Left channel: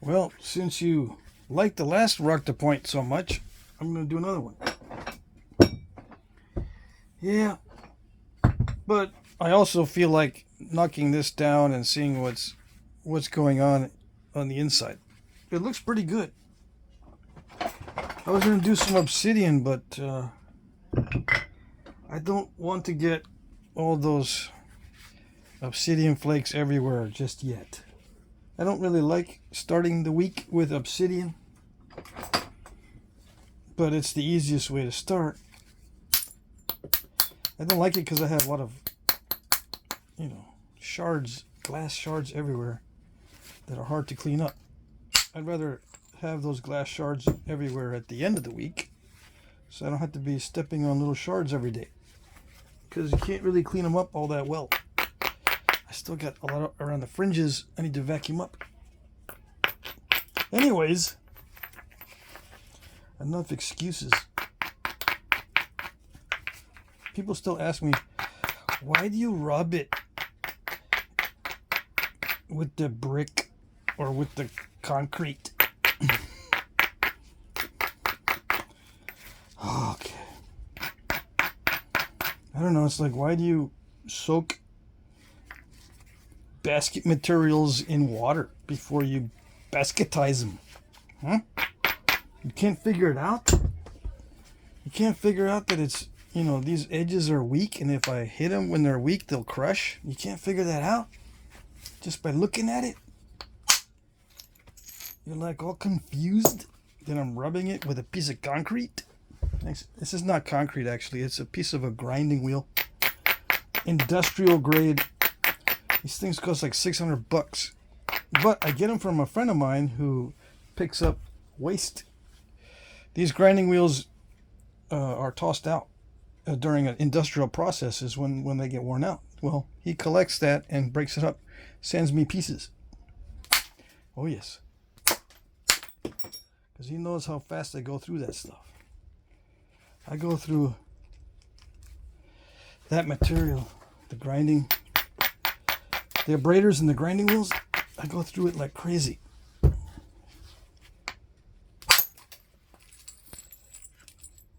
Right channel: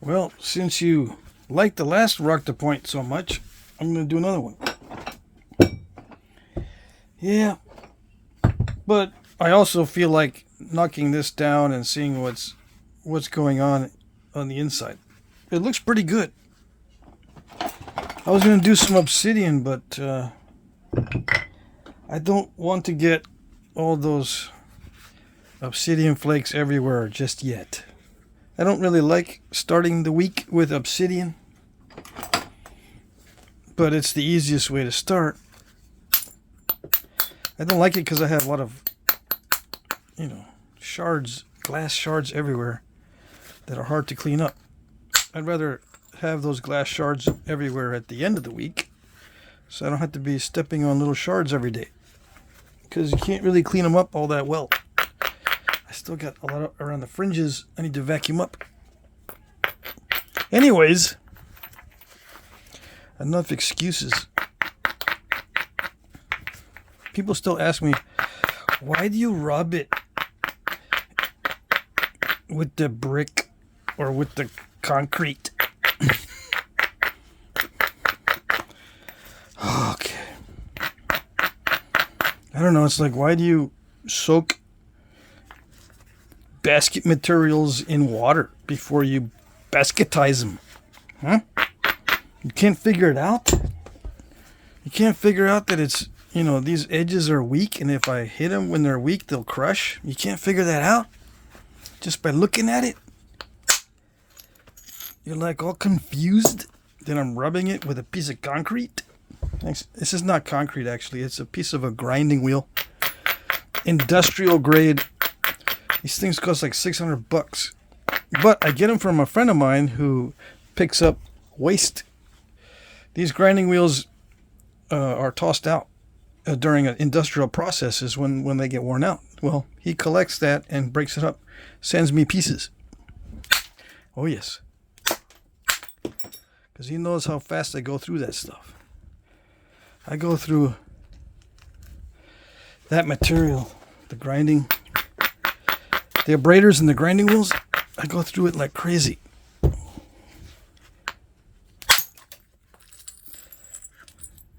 Well, since you liked the last rock to point so much, I'm going to do another one. Yeah, but I also feel like knocking this down and seeing what's going on the inside. It looks pretty good. I was going to do some obsidian, but I don't want to get all those obsidian flakes everywhere just yet. I don't really like starting the week with obsidian, but it's the easiest way to start. I don't like it because I have a lot of, shards, glass shards everywhere that are hard to clean up. I'd rather have those glass shards everywhere at the end of the week, so I don't have to be stepping on little shards every day, because you can't really clean them up all that well. I still got a lot around the fringes I need to vacuum up. Anyways, enough excuses. People still ask me, why do you rub it with the brick or with the concrete? Okay. I don't know, it's like, why do you soak basket materials in water before you basketize them? Huh? You can't figure it out? You can't figure out that it's, these edges are weak, and if I hit them when they're weak, they'll crush? You can't figure that out just by looking at it? You're like all confused that I'm rubbing it with a piece of concrete? This is not concrete, actually. It's a piece of a grinding wheel. Industrial grade. These things cost like $600. But I get them from a friend of mine who picks up waste. These grinding wheels are tossed out during industrial processes when they get worn out. Well, he collects that and breaks it up, sends me pieces. Oh yes, because he knows how fast I go through that stuff. I go through that material, the grinding, the abraders and the grinding wheels. I go through it like crazy.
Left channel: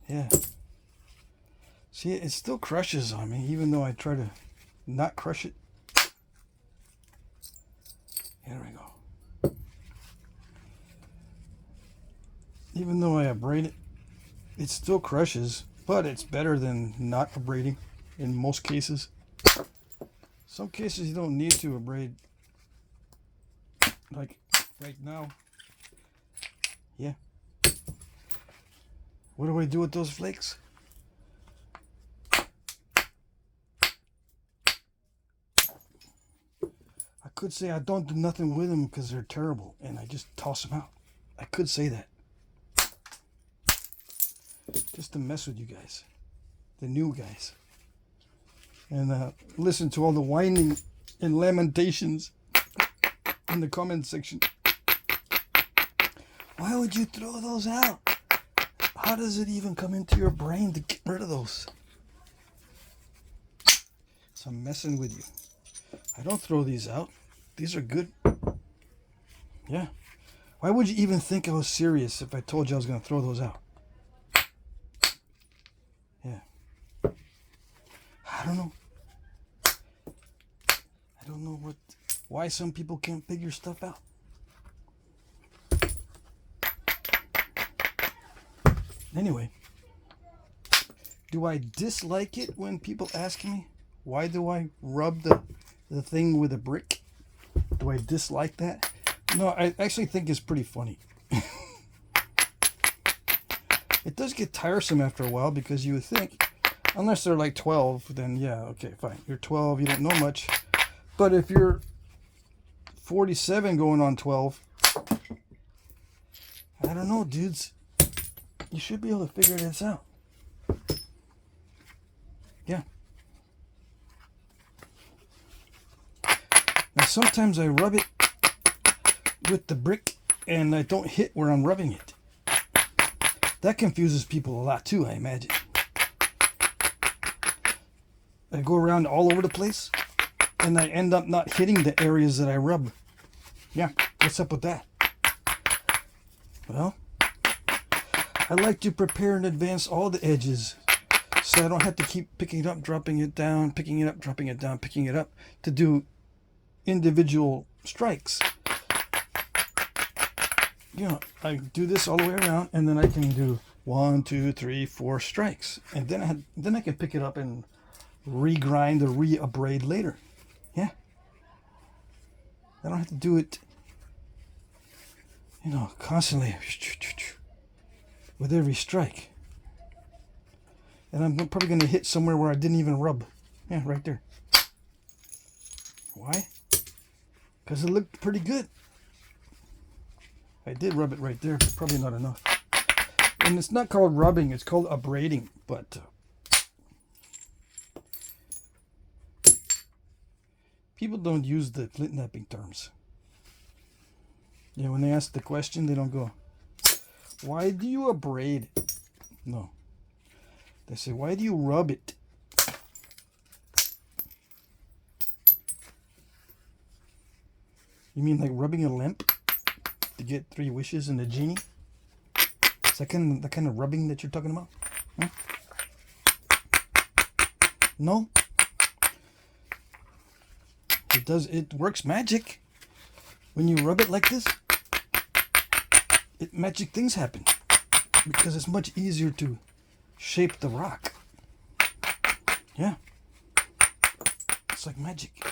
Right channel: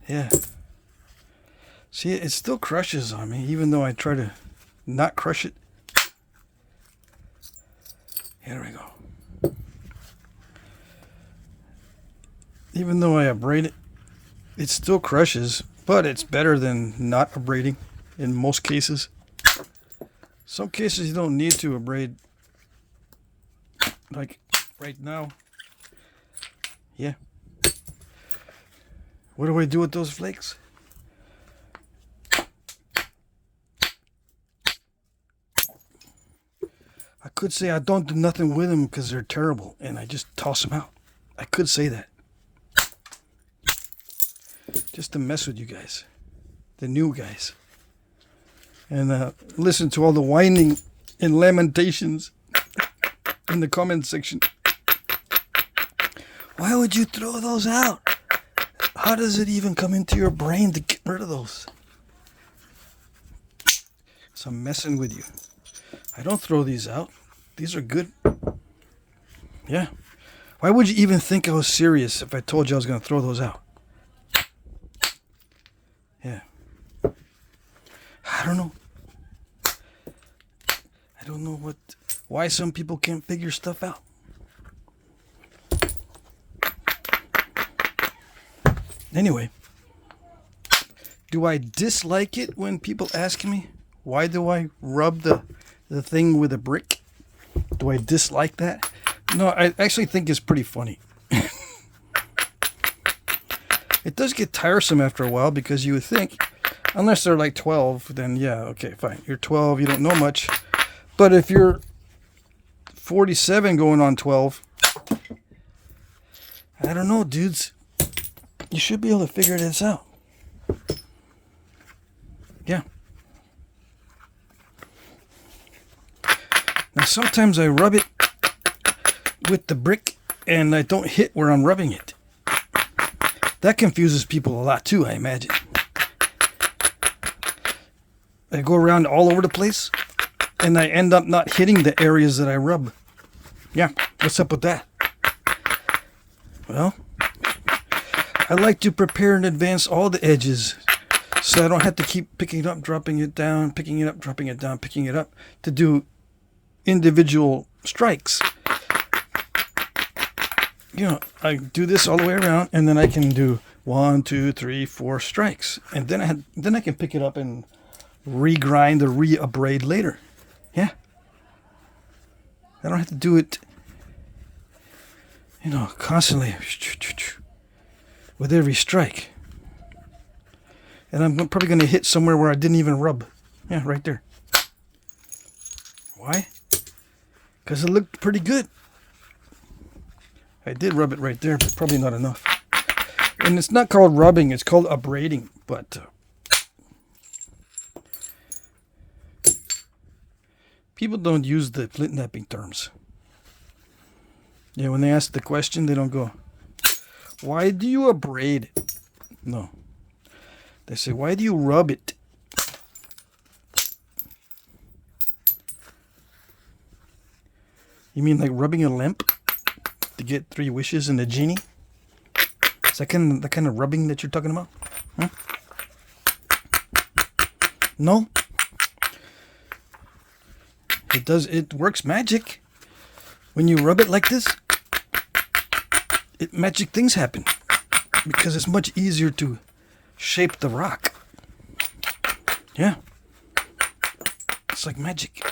Yeah. See, it still crushes on me, even though I try to not crush it. Here we go. Even though I abrade it, it still crushes, but it's better than not abrading in most cases. Some cases you don't need to abrade, like right now. Yeah. What do I do with those flakes? I could say I don't do nothing with them because they're terrible and I just toss them out. I could say that. Just to mess with you guys. The new guys. And listen to all the whining and lamentations in the comment section. Why would you throw those out? How does it even come into your brain to get rid of those? So I'm messing with you. I don't throw these out. These are good. Yeah. Why would you even think I was serious if I told you I was going to throw those out? Yeah. I don't know. I don't know why some people can't figure stuff out. Anyway, do I dislike it when people ask me, why do I rub the thing with a brick? Do I dislike that? No, I actually think it's pretty funny. It does get tiresome after a while, because you would think, unless they're like 12, then yeah, okay, fine. You're 12, you don't know much. But if you're 47 going on 12, I don't know, dudes. You should be able to figure this out. Yeah. Now sometimes I rub it with the brick and I don't hit where I'm rubbing it. That confuses people a lot too, I imagine. I go around all over the place and I end up not hitting the areas that I rub. Yeah, what's up with that? Well, I like to prepare in advance all the edges so I don't have to keep picking it up, dropping it down, picking it up, dropping it down, picking it up to do individual strikes. You know, I do this all the way around, and then I can do 1, 2, 3, 4 strikes, and then I can pick it up and regrind or re-abrade later. Yeah, I don't have to do it, you know, constantly with every strike. And I'm probably going to hit somewhere where I didn't even rub. Yeah, right there. Why? Because it looked pretty good. I did rub it right there, but probably not enough. And it's not called rubbing, it's called abrading. But people don't use the Flintknapping terms. Yeah, when they ask the question, they don't go, why do you abrade? No. They say, why do you rub it? You mean like rubbing a lamp to get 3 wishes and a genie? Is that the kind of rubbing that you're talking about? Huh? No? It works magic. When you rub it like this, magic things happen. Because it's much easier to shape the rock. Yeah. It's like magic.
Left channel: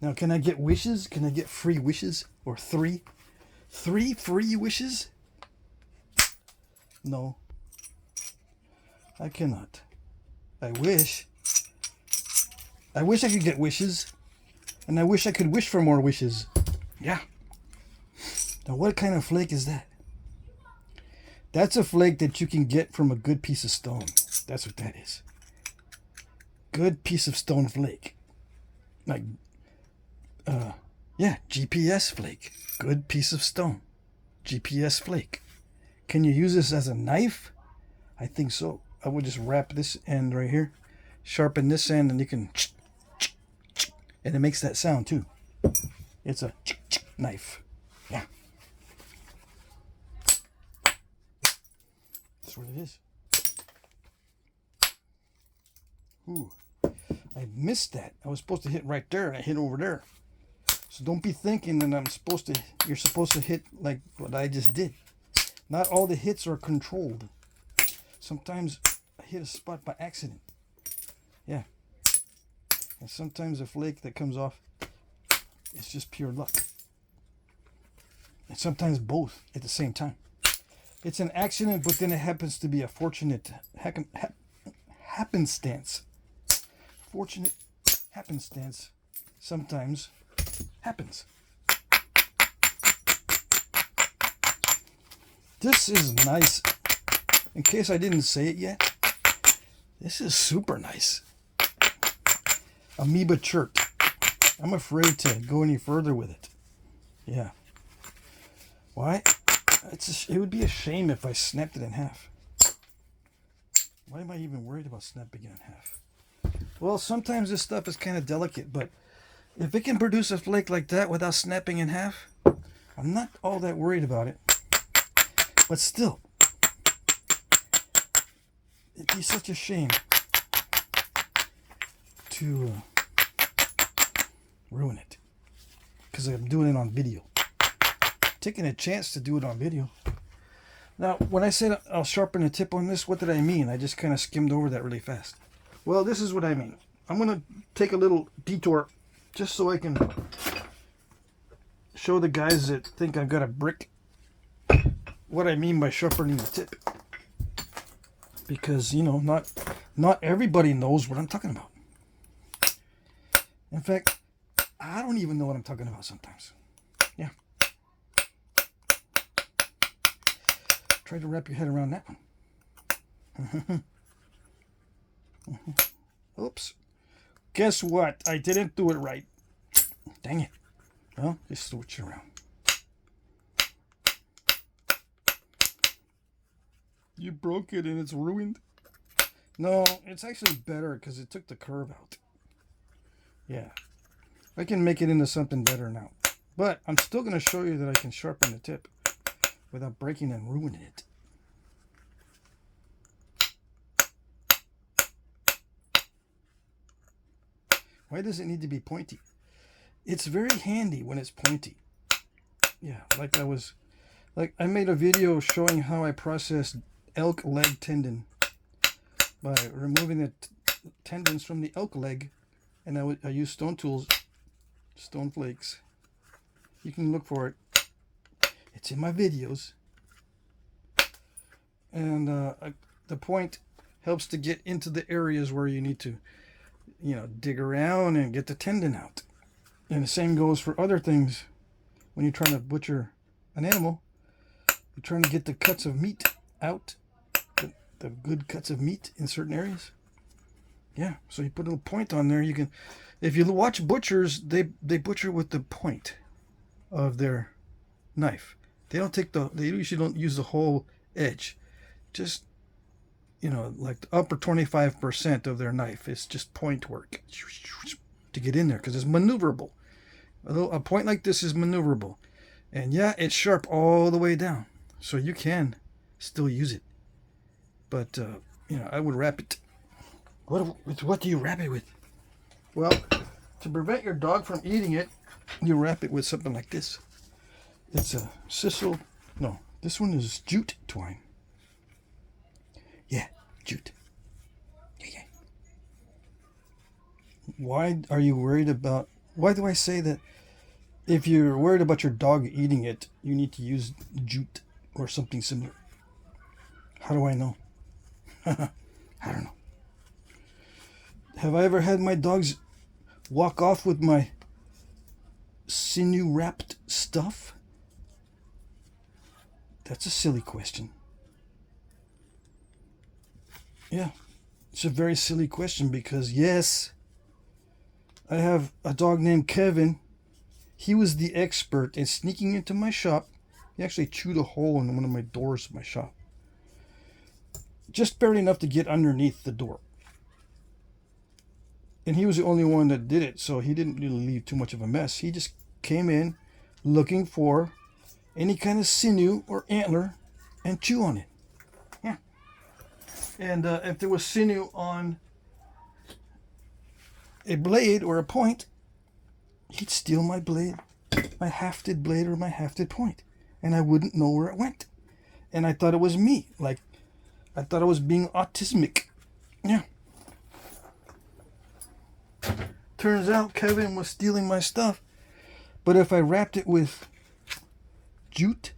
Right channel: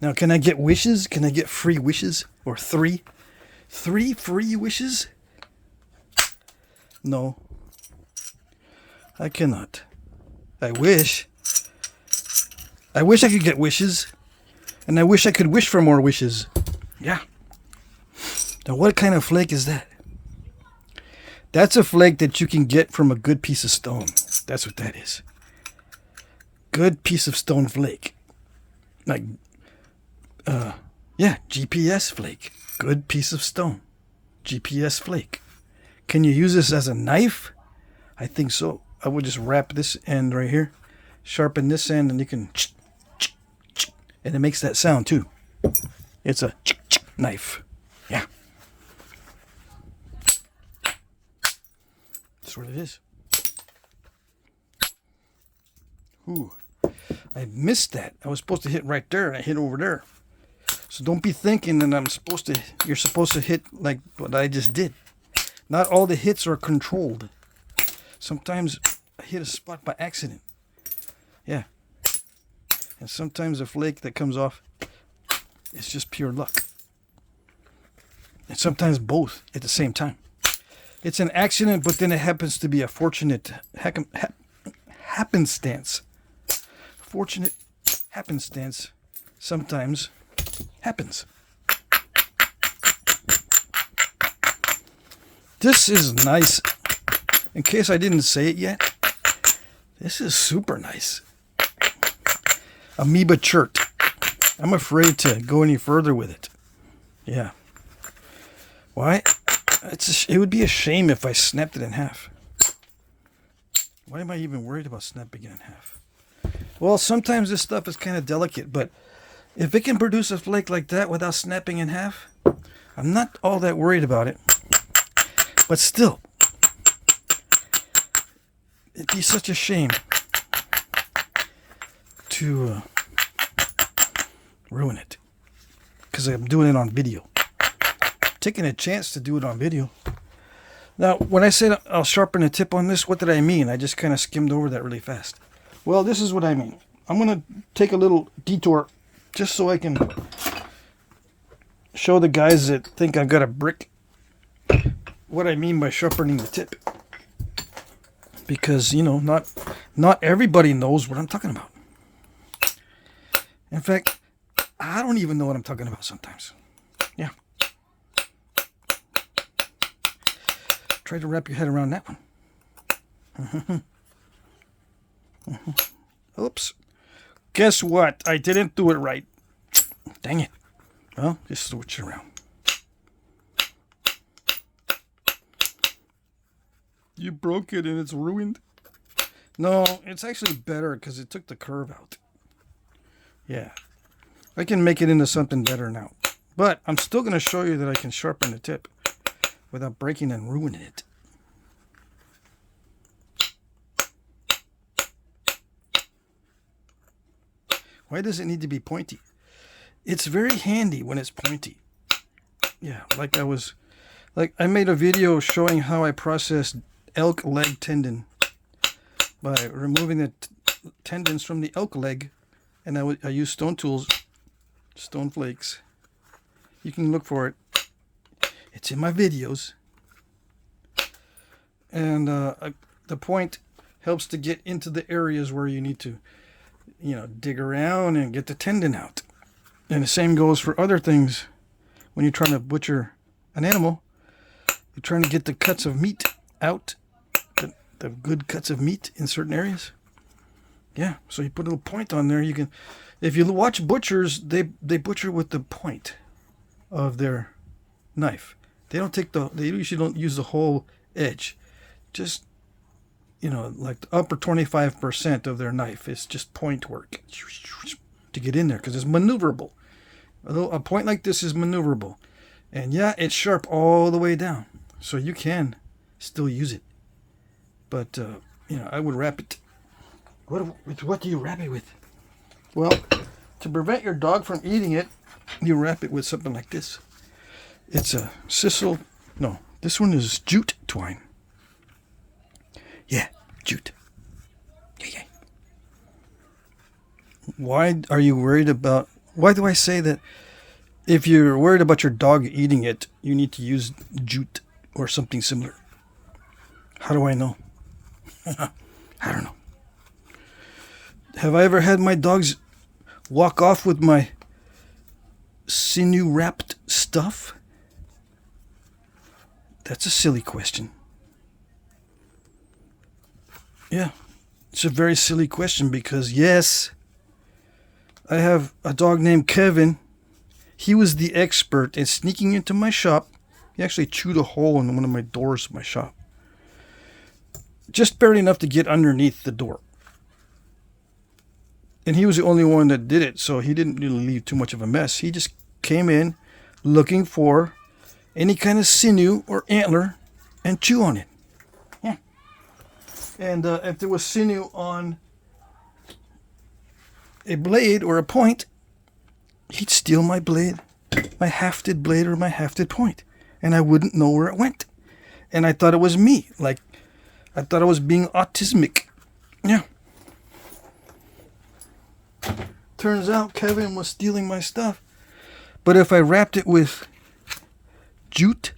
Now, can I get wishes? Can I get free wishes? Or 3? 3 free wishes? No. I cannot. I wish. I wish I could get wishes. And I wish I could wish for more wishes. Yeah. Now, what kind of flake is that? That's a flake that you can get from a good piece of stone. That's what that is. Good piece of stone flake. Like, yeah, GPS flake. Good piece of stone. GPS flake. Can you use this as a knife? I think so. I would just wrap this end right here. Sharpen this end and you can... And it makes that sound too. It's a knife. Yeah. That's what it is. Ooh. I missed that. I was supposed to hit right there and I hit over there. So don't be thinking that you're supposed to hit like what I just did. Not all the hits are controlled. Sometimes I hit a spot by accident. Yeah. And sometimes a flake that comes off, it's just pure luck. And sometimes both at the same time. It's an accident, but then it happens to be a fortunate happenstance. Fortunate happenstance sometimes happens. This is nice. In case I didn't say it yet, this is super nice. Amoeba Chert. I'm afraid to go any further with it. Yeah. Why? It would be a shame if I snapped it in half. Why am I even worried about snapping it in half? Well, sometimes this stuff is kind of delicate, but if it can produce a flake like that without snapping in half, I'm not all that worried about it. But still, it'd be such a shame to ruin it. Because I'm doing it on video. Taking a chance to do it on video. Now, when I said I'll sharpen the tip on this, what did I mean? I just kind of skimmed over that really fast. Well, this is what I mean. I'm going to take a little detour just so I can show the guys that think I've got a brick what I mean by sharpening the tip. Because, you know, not everybody knows what I'm talking about. In fact, I don't even know what I'm talking about sometimes. Yeah. Try to wrap your head around that one. Oops. Guess what? I didn't do it right. Dang it. Well, just switch it around. You broke it and it's ruined? No, it's actually better because it took the curve out. Yeah. I can make it into something better now. But I'm still going to show you that I can sharpen the tip. without breaking and ruining it. Why does it need to be pointy? It's very handy when it's pointy. Yeah, I made a video showing how I processed elk leg tendon by removing the tendons from the elk leg, and I used stone tools, stone flakes. You can look for it. It's in my videos. And the point helps to get into the areas where you need to, dig around and get the tendon out. And the same goes for other things. When you're trying to butcher an animal, you're trying to get the cuts of meat out, the good cuts of meat in certain areas. Yeah, so you put a little point on there. You can, if you watch butchers, they butcher with the point of their knife. They usually don't use the whole edge. Just, like the upper 25% of their knife is just point work to get in there, because it's maneuverable. A point like this is maneuverable. And yeah, it's sharp all the way down, so you can still use it. But, I would wrap it. What do you wrap it with? Well, to prevent your dog from eating it, you wrap it with something like this. It's a sisal. No, this one is jute twine. Yeah, jute. Yeah. Why do I say that if you're worried about your dog eating it, you need to use jute or something similar? How do I know? I don't know. Have I ever had my dogs walk off with my sinew-wrapped stuff? That's a silly question. Yeah, it's a very silly question because, yes, I have a dog named Kevin. He was the expert in sneaking into my shop. He actually chewed a hole in one of my doors of my shop. Just barely enough to get underneath the door. And he was the only one that did it, so he didn't really leave too much of a mess. He just came in looking for any kind of sinew or antler and chew on it. Yeah. And if there was sinew on a blade or a point, he'd steal my blade, my hafted blade or my hafted point, and I wouldn't know where it went. And I thought it was me. Like, I thought I was being autismic. Yeah. Turns out Kevin was stealing my stuff. But if I wrapped it with jute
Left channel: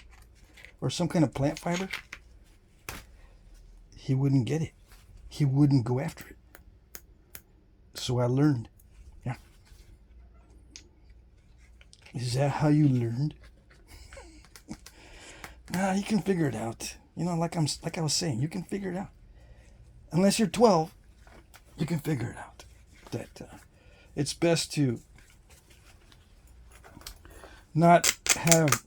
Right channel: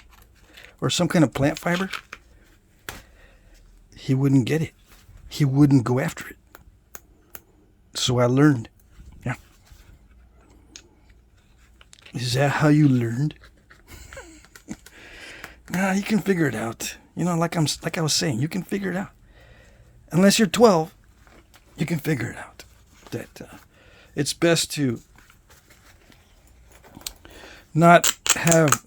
or some kind of plant fiber, he wouldn't get it. He wouldn't go after it. So I learned. Yeah. Is that how you learned? Nah, you can figure it out. Like I was saying, you can figure it out. Unless you're 12, you can figure it out. That it's best to not have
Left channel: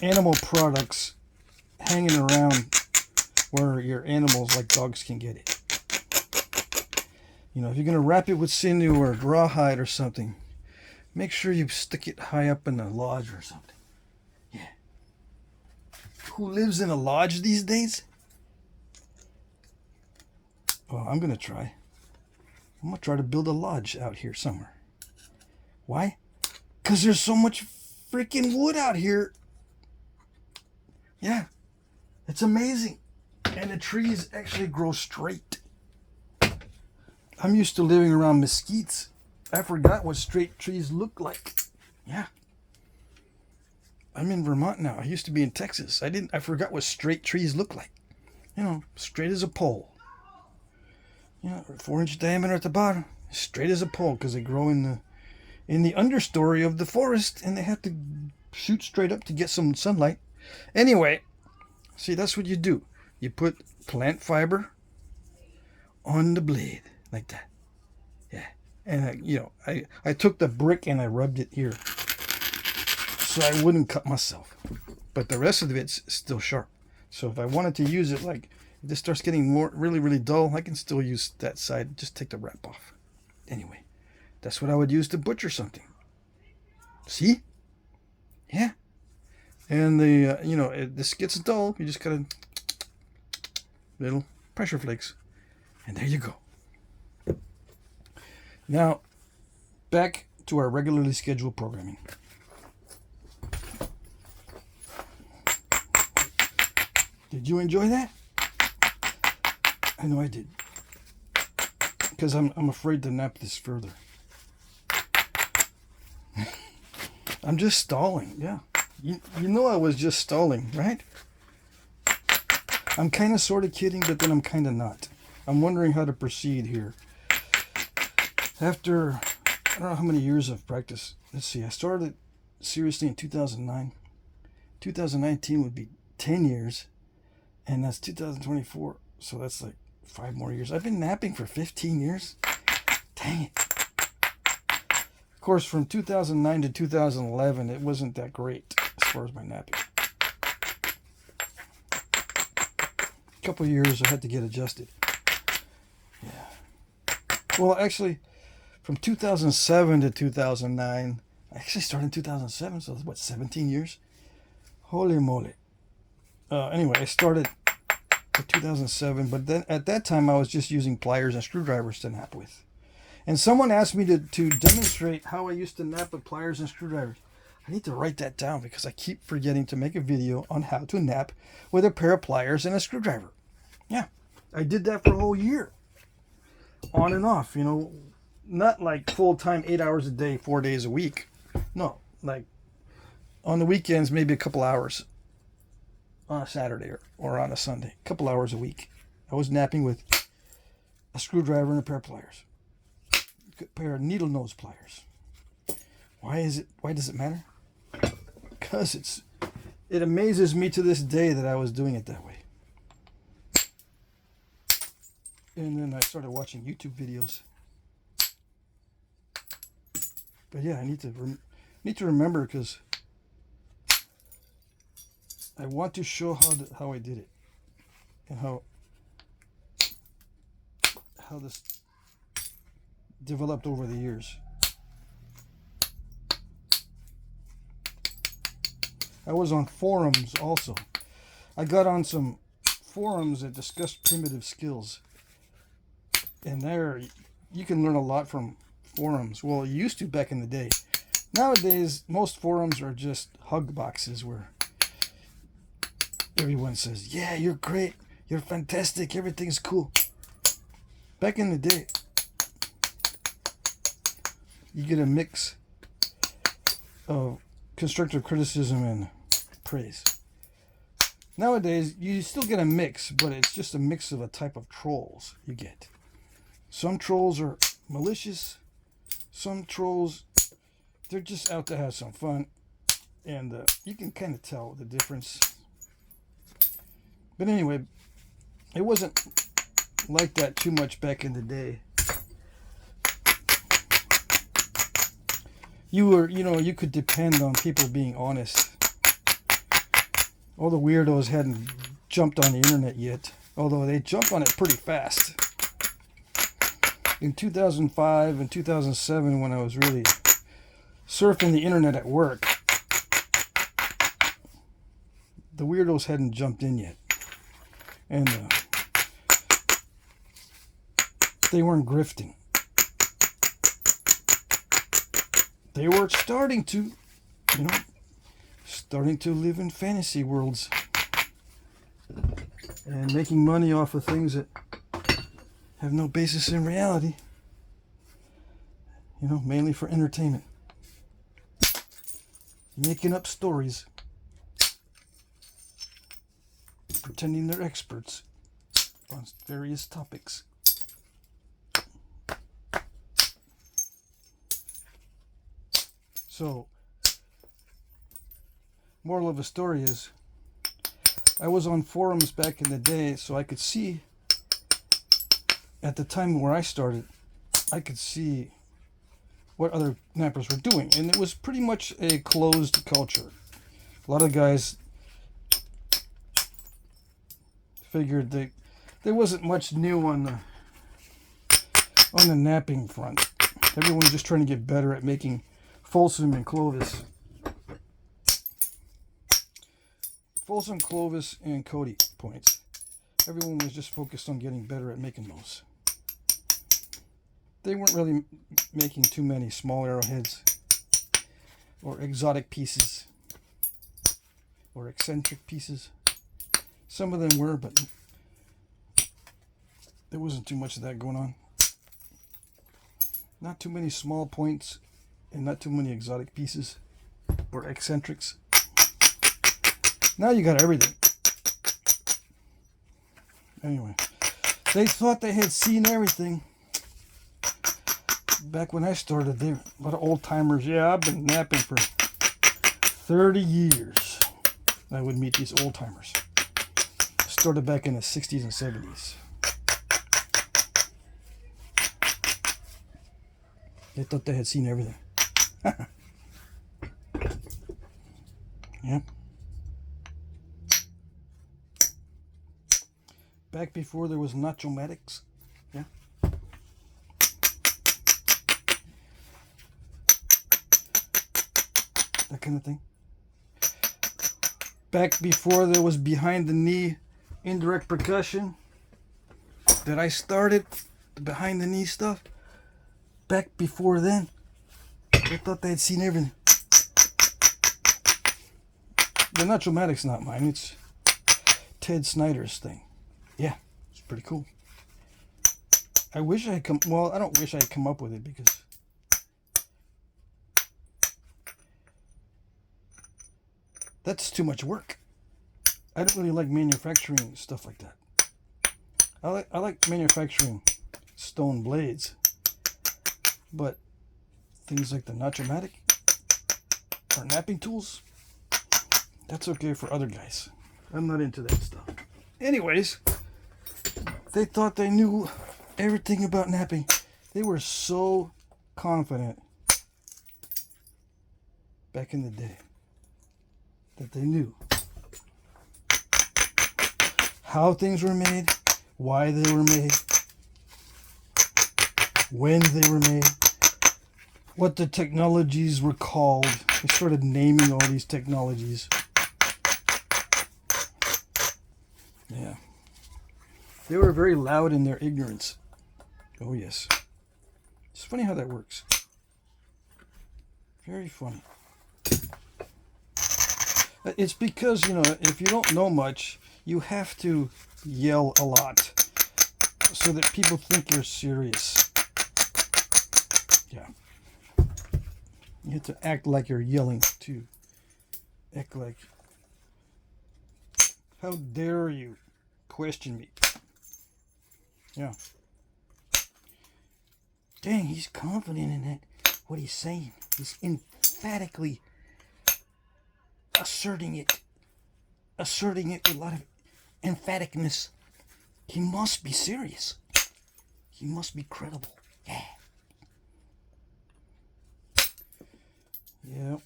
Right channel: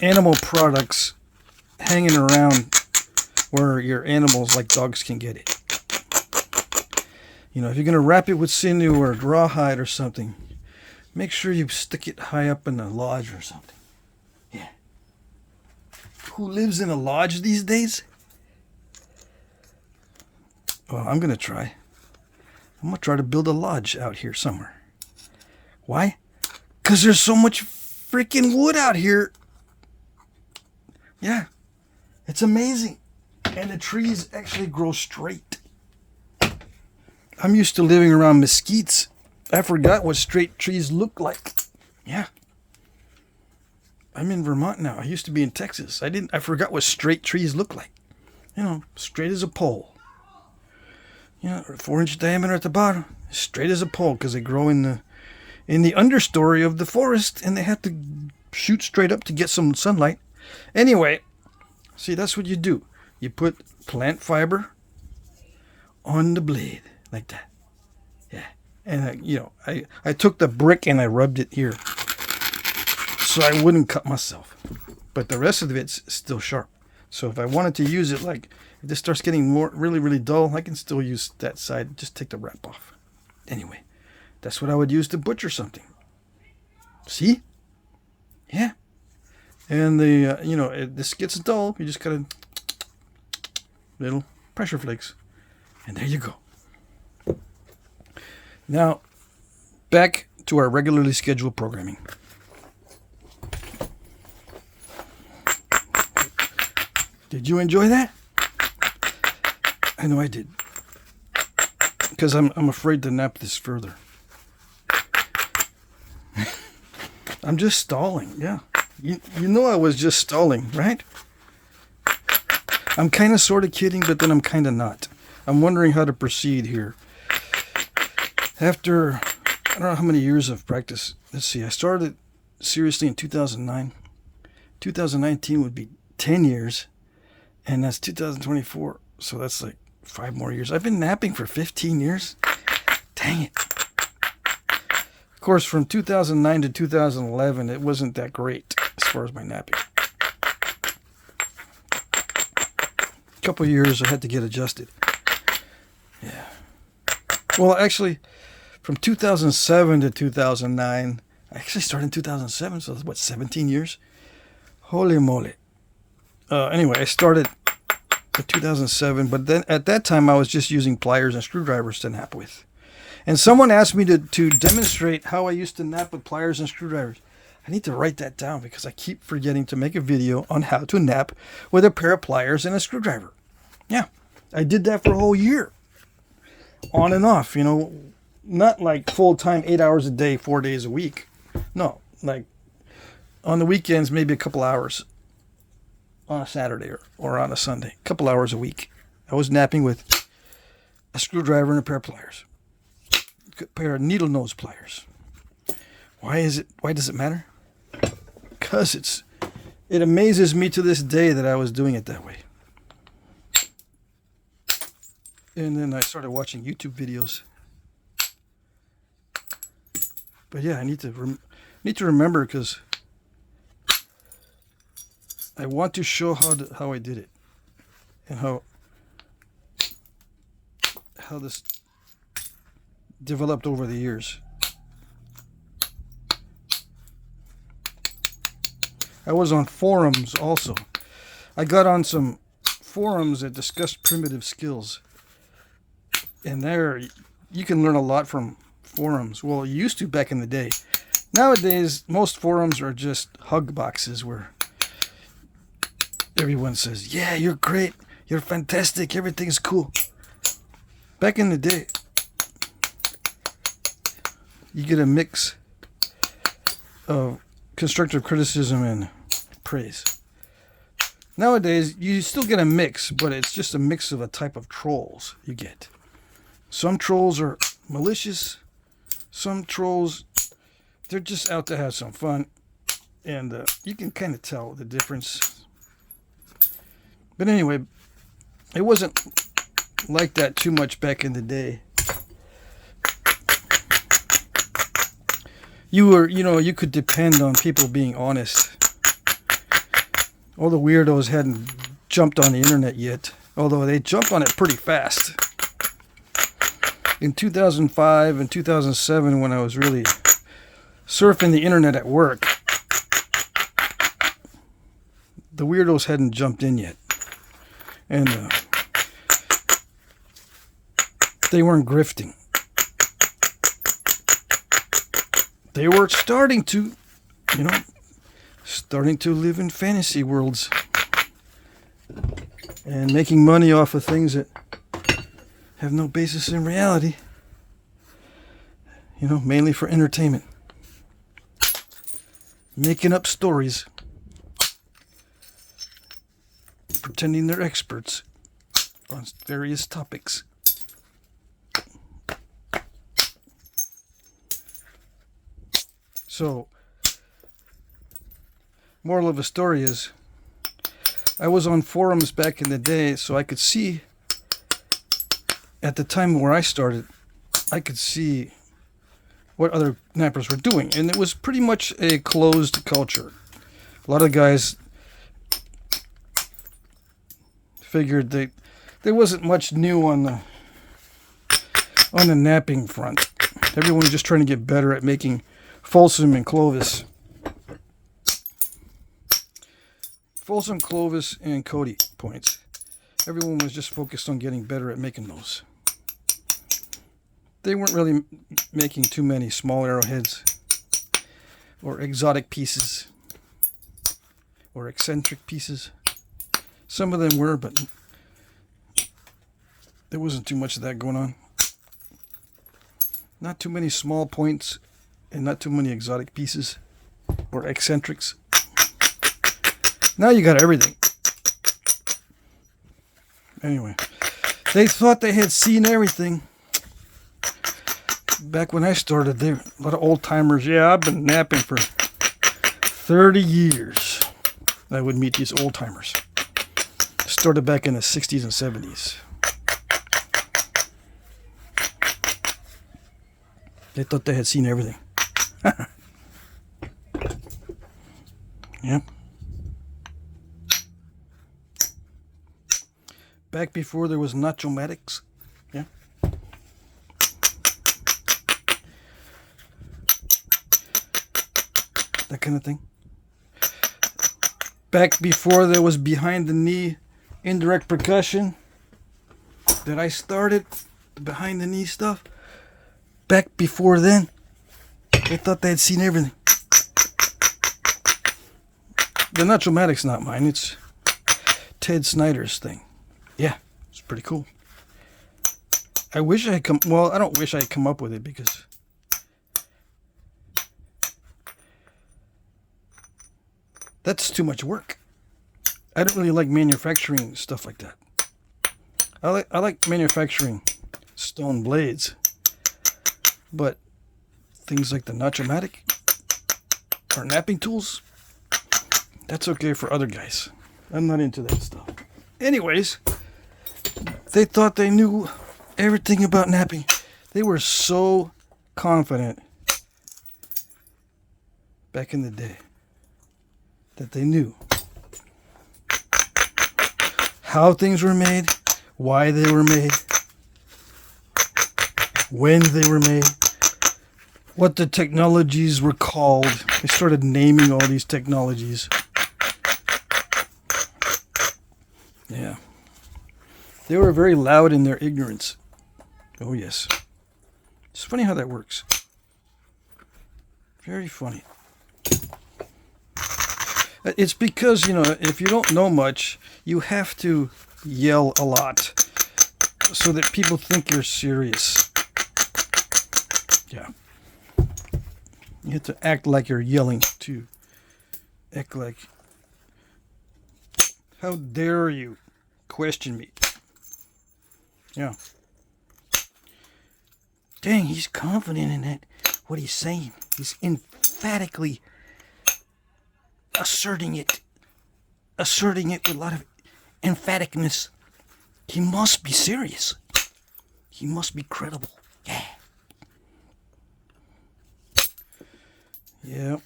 animal products hanging around where your animals like dogs can get it. If you're going to wrap it with sinew or rawhide or something, make sure you stick it high up in a lodge or something. Yeah. Who lives in a lodge these days? Well, I'm going to try. I'm going to try to build a lodge out here somewhere. Why? Because there's so much freaking wood out here. Yeah. It's amazing. And the trees actually grow straight. I'm used to living around mesquites. I forgot what straight trees look like. Yeah. I'm in Vermont now. I used to be in Texas. I forgot what straight trees look like. Straight as a pole. 4-inch diameter at the bottom, straight as a pole, because they grow in the understory of the forest, and they have to shoot straight up to get some sunlight. Anyway, see, that's what you do. You put plant fiber on the blade like that. Yeah, and I took the brick and I rubbed it here, so I wouldn't cut myself. But the rest of it's still sharp. So if I wanted to use it, like, if this starts getting really, really dull, I can still use that side. Just take the wrap off. Anyway, that's what I would use to butcher something. See? Yeah. And the you know, this gets dull. You just got a little pressure flakes, and there you go. Now, back to our regularly scheduled programming. Did you enjoy that? I know I did. Because I'm afraid to nap this further. I'm just stalling, yeah. You know I was just stalling, right? I'm kind of sort of kidding, but then I'm kind of not. I'm wondering how to proceed here. After, I don't know how many years of practice. Let's see, I started seriously in 2009. 2019 would be 10 years. And that's 2024. So that's like 5 more years. I've been napping for 15 years. Dang it. Of course, from 2009 to 2011, it wasn't that great as far as my napping. A couple years I had to get adjusted. Yeah. Well, actually, from 2007 to 2009, I actually started in 2007, so that's what, 17 years? Holy moly. Anyway, I started in 2007, but then at that time I was just using pliers and screwdrivers to nap with. And someone asked me to demonstrate how I used to nap with pliers and screwdrivers. I need to write that down because I keep forgetting to make a video on how to nap with a pair of pliers and a screwdriver. Yeah, I did that for a whole year. On and off, you know, not like full-time 8 hours a day, 4 days a week. No, like on the weekends, maybe a couple hours. On a Saturday or on a Sunday, a couple hours a week. I was napping with a screwdriver and a pair of pliers. A pair of needle nose pliers. Why does it matter? Because it amazes me to this day that I was doing it that way. And then I started watching YouTube videos. But yeah, I need to remember because I want to show how I did it and how this developed over the years. I was on forums also. I got on some forums that discussed primitive skills. And there you can learn a lot from forums. Well, you used to back in the day. Nowadays, most forums are just hug boxes where everyone says, yeah, you're great, you're fantastic, everything's cool. Back in the day, you get a mix of constructive criticism and praise. Nowadays, you still get a mix, but it's just a mix of a type of trolls you get. Some trolls are malicious. Some trolls, they're just out to have some fun. And you can kind of tell the difference. But anyway, it wasn't like that too much back in the day. You could depend on people being honest. All the weirdos hadn't jumped on the internet yet, although they jumped on it pretty fast. In 2005 and 2007, when I was really surfing the internet at work, the weirdos hadn't jumped in yet. And they weren't grifting. They were starting to live in fantasy worlds and making money off of things that have no basis in reality. Mainly for entertainment. Making up stories. Pretending they're experts on various topics. So, moral of the story is, I was on forums back in the day, so I could see, at the time where I started, I could see what other nappers were doing. And it was pretty much a closed culture. A lot of guys figured that there wasn't much new on the napping front. Everyone was just trying to get better at making Folsom and Clovis. Folsom Clovis and Cody points. Everyone was just focused on getting better at making those. They weren't really making too many small arrowheads or exotic pieces or eccentric pieces. Some of them were, but there wasn't too much of that going on. Not too many small points and not too many exotic pieces or eccentrics. Now you got everything. Anyway, they thought they had seen everything. Back when I started, there a lot of old timers. Yeah, I've been napping for 30 years. I would meet these old timers. Started back in the 60s and 70s. They thought they had seen everything. Yep. Back before there was Nacho-matics. Yeah. That kind of thing. Back before there was behind the knee indirect percussion that I started, the behind the knee stuff. Back before then, they thought they had seen everything. The Nacho-matic's not mine, it's Ted Snyder's thing. Yeah, it's pretty cool. I wish I had come, well, I don't wish I had come up with it because that's too much work. I don't really like manufacturing stuff like that. I like manufacturing stone blades, but things like the Nacho-matic or napping tools, that's okay for other guys. I'm not into that stuff. Anyways, they thought they knew everything about napping. They were so confident back in the day that they knew how things were made, why they were made, when they were made, what the technologies were called. They started naming all these technologies. Yeah. They were very loud in their ignorance. Oh, yes. It's funny how that works. Very funny. It's because, you know, if you don't know much, you have to yell a lot so that people think you're serious. Yeah. You have to act like you're yelling, too. Act like, how dare you question me? Yeah. Dang, he's confident in that, what he's saying. He's emphatically asserting it with a lot of emphaticness. He must be serious. He must be credible. Yeah. Yeah.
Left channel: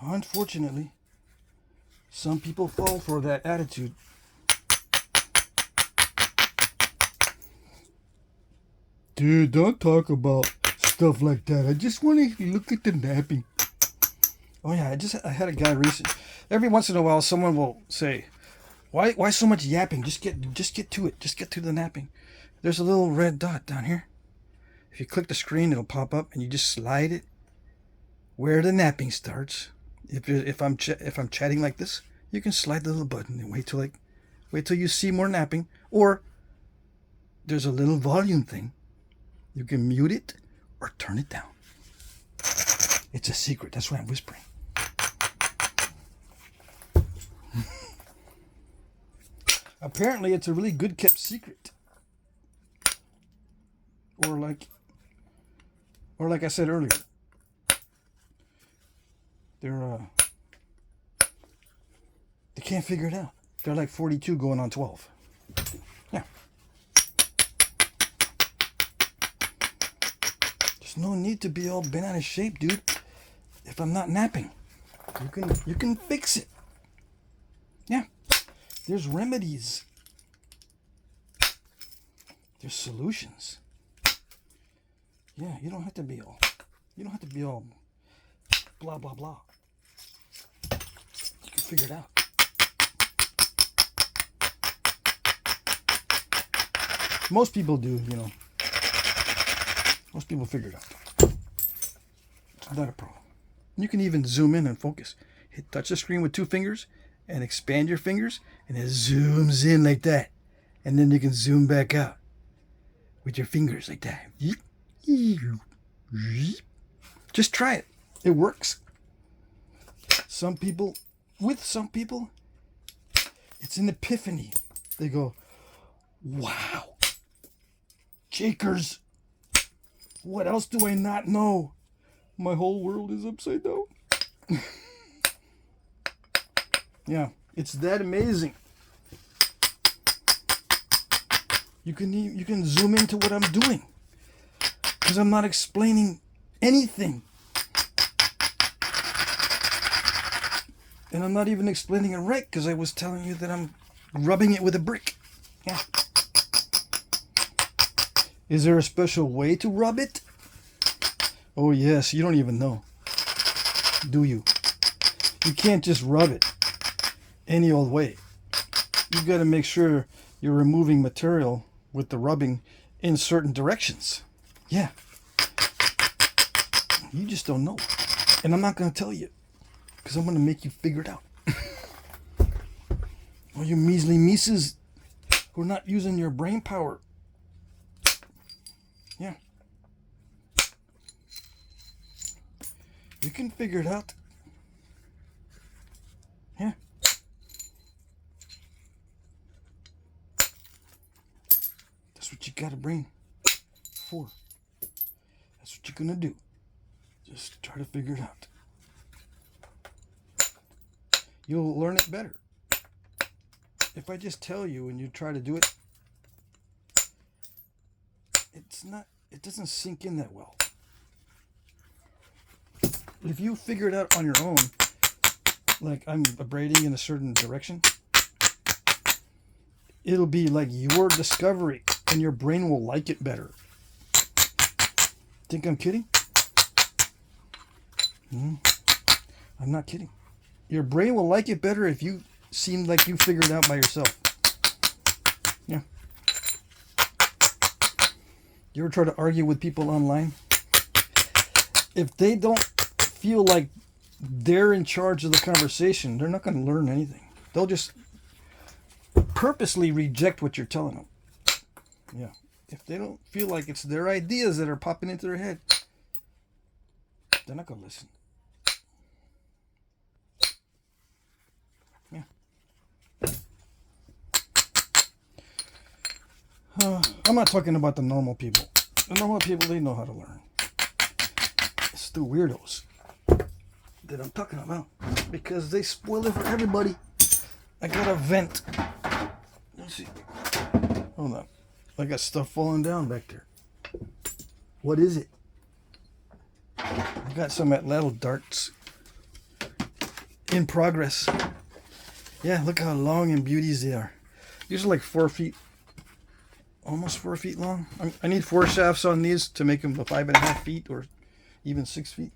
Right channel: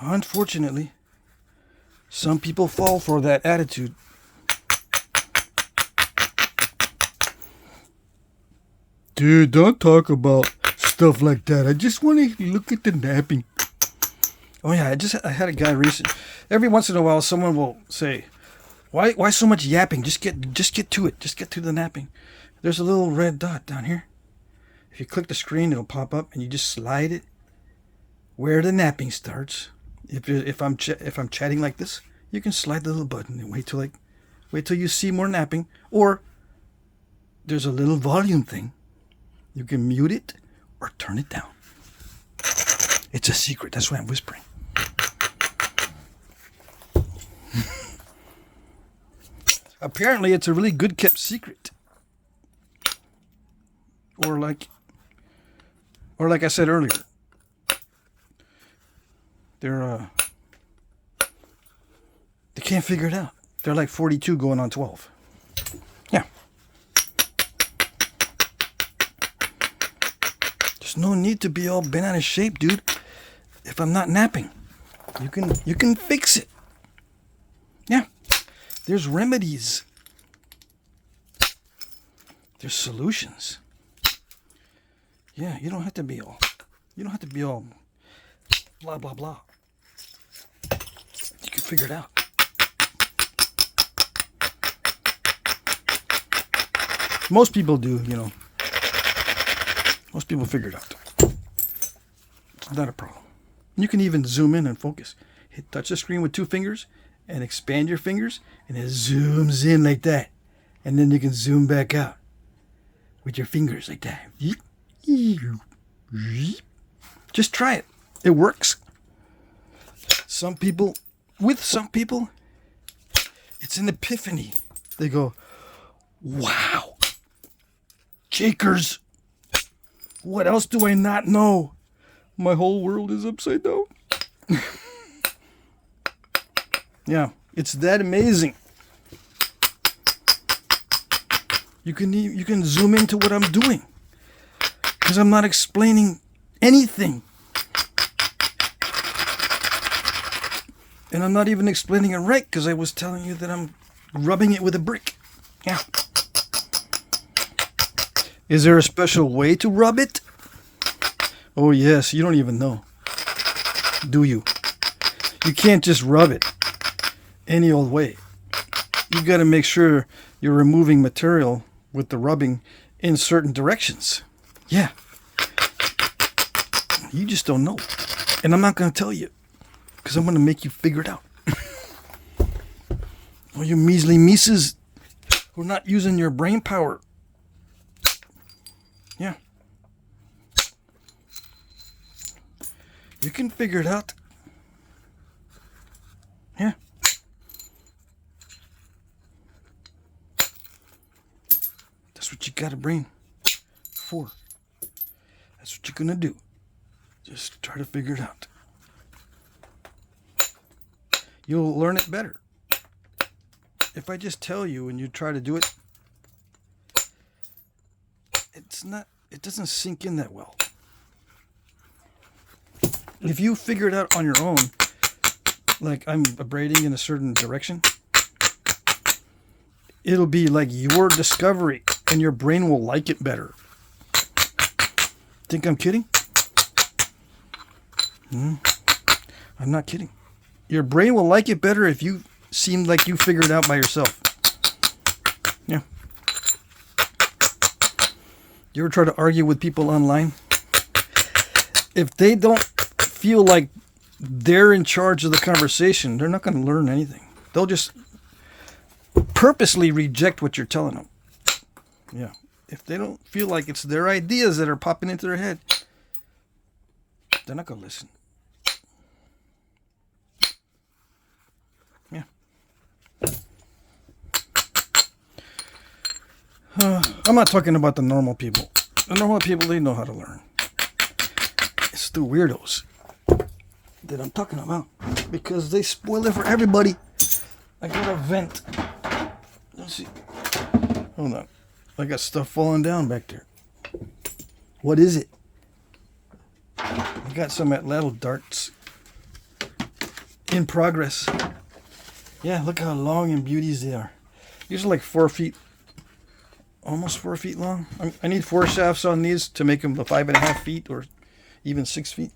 Unfortunately, some people fall for that attitude. Dude, don't talk about stuff like that. I just want to look at the napping. Oh yeah, I had a guy recently. Every once in a while, someone will say, "Why so much yapping? Just get to it. Just get to the napping." There's a little red dot down here. If you click the screen, it'll pop up, and you just slide it where the napping starts. If I'm chatting like this, you can slide the little button and wait till you see more napping. Or there's a little volume thing. You can mute it or turn it down. It's a secret. That's why I'm whispering. Apparently, it's a really good kept secret. Or like I said earlier, they can't figure it out. They're like 42 going on 12. Yeah. There's no need to be all bent out of shape, dude. If I'm not napping, you can fix it. Yeah. There's remedies. There's solutions. Yeah, you don't have to be all blah blah blah. figure it out. Most people do, you know. Most people figure it out. It's not a problem. You can even zoom in and focus. Touch the screen with 2 fingers and expand your fingers, and it zooms in like that. And then you can zoom back out with your fingers like that. Just try it. It works. Some people, it's an epiphany. They go, wow, Jakers, what else do I not know? My whole world is upside down. Yeah, it's that amazing. You can zoom into what I'm doing, because I'm not explaining anything. And I'm not even explaining it right, because I was telling you that I'm rubbing it with a brick. Yeah. Is there a special way to rub it? Oh yes, you don't even know. Do you? You can't just rub it any old way. You got to make sure you're removing material with the rubbing in certain directions. Yeah. You just don't know. And I'm not going to tell you, because I'm going to make you figure it out. All you measly mises who are not using your brain power. Yeah. You can figure it out. Yeah. That's what you got a brain for. That's what you're going to do. Just try to figure it out. You'll learn it better. If I just tell you and you try to do it, it doesn't sink in that well. If you figure it out on your own, like I'm abrading in a certain direction, it'll be like your discovery and your brain will like it better. Think I'm kidding? I'm not kidding. Your brain will like it better if you seem like you figured it out by yourself. Yeah. You ever try to argue with people online? If they don't feel like they're in charge of the conversation, they're not going to learn anything. They'll just purposely reject what you're telling them. Yeah. If they don't feel like it's their ideas that are popping into their head, they're not going to listen. I'm not talking about the normal people. The normal people, they know how to learn. It's the weirdos that I'm talking about, because they spoil it for everybody. I got a vent. Let's see. Hold on. I got stuff falling down back there. What is it? I got some little darts in progress. Yeah, look how long and beauties they are. These are like 4 feet. Almost 4 feet long. I need 4 shafts on these to make them the 5.5 feet or even 6 feet.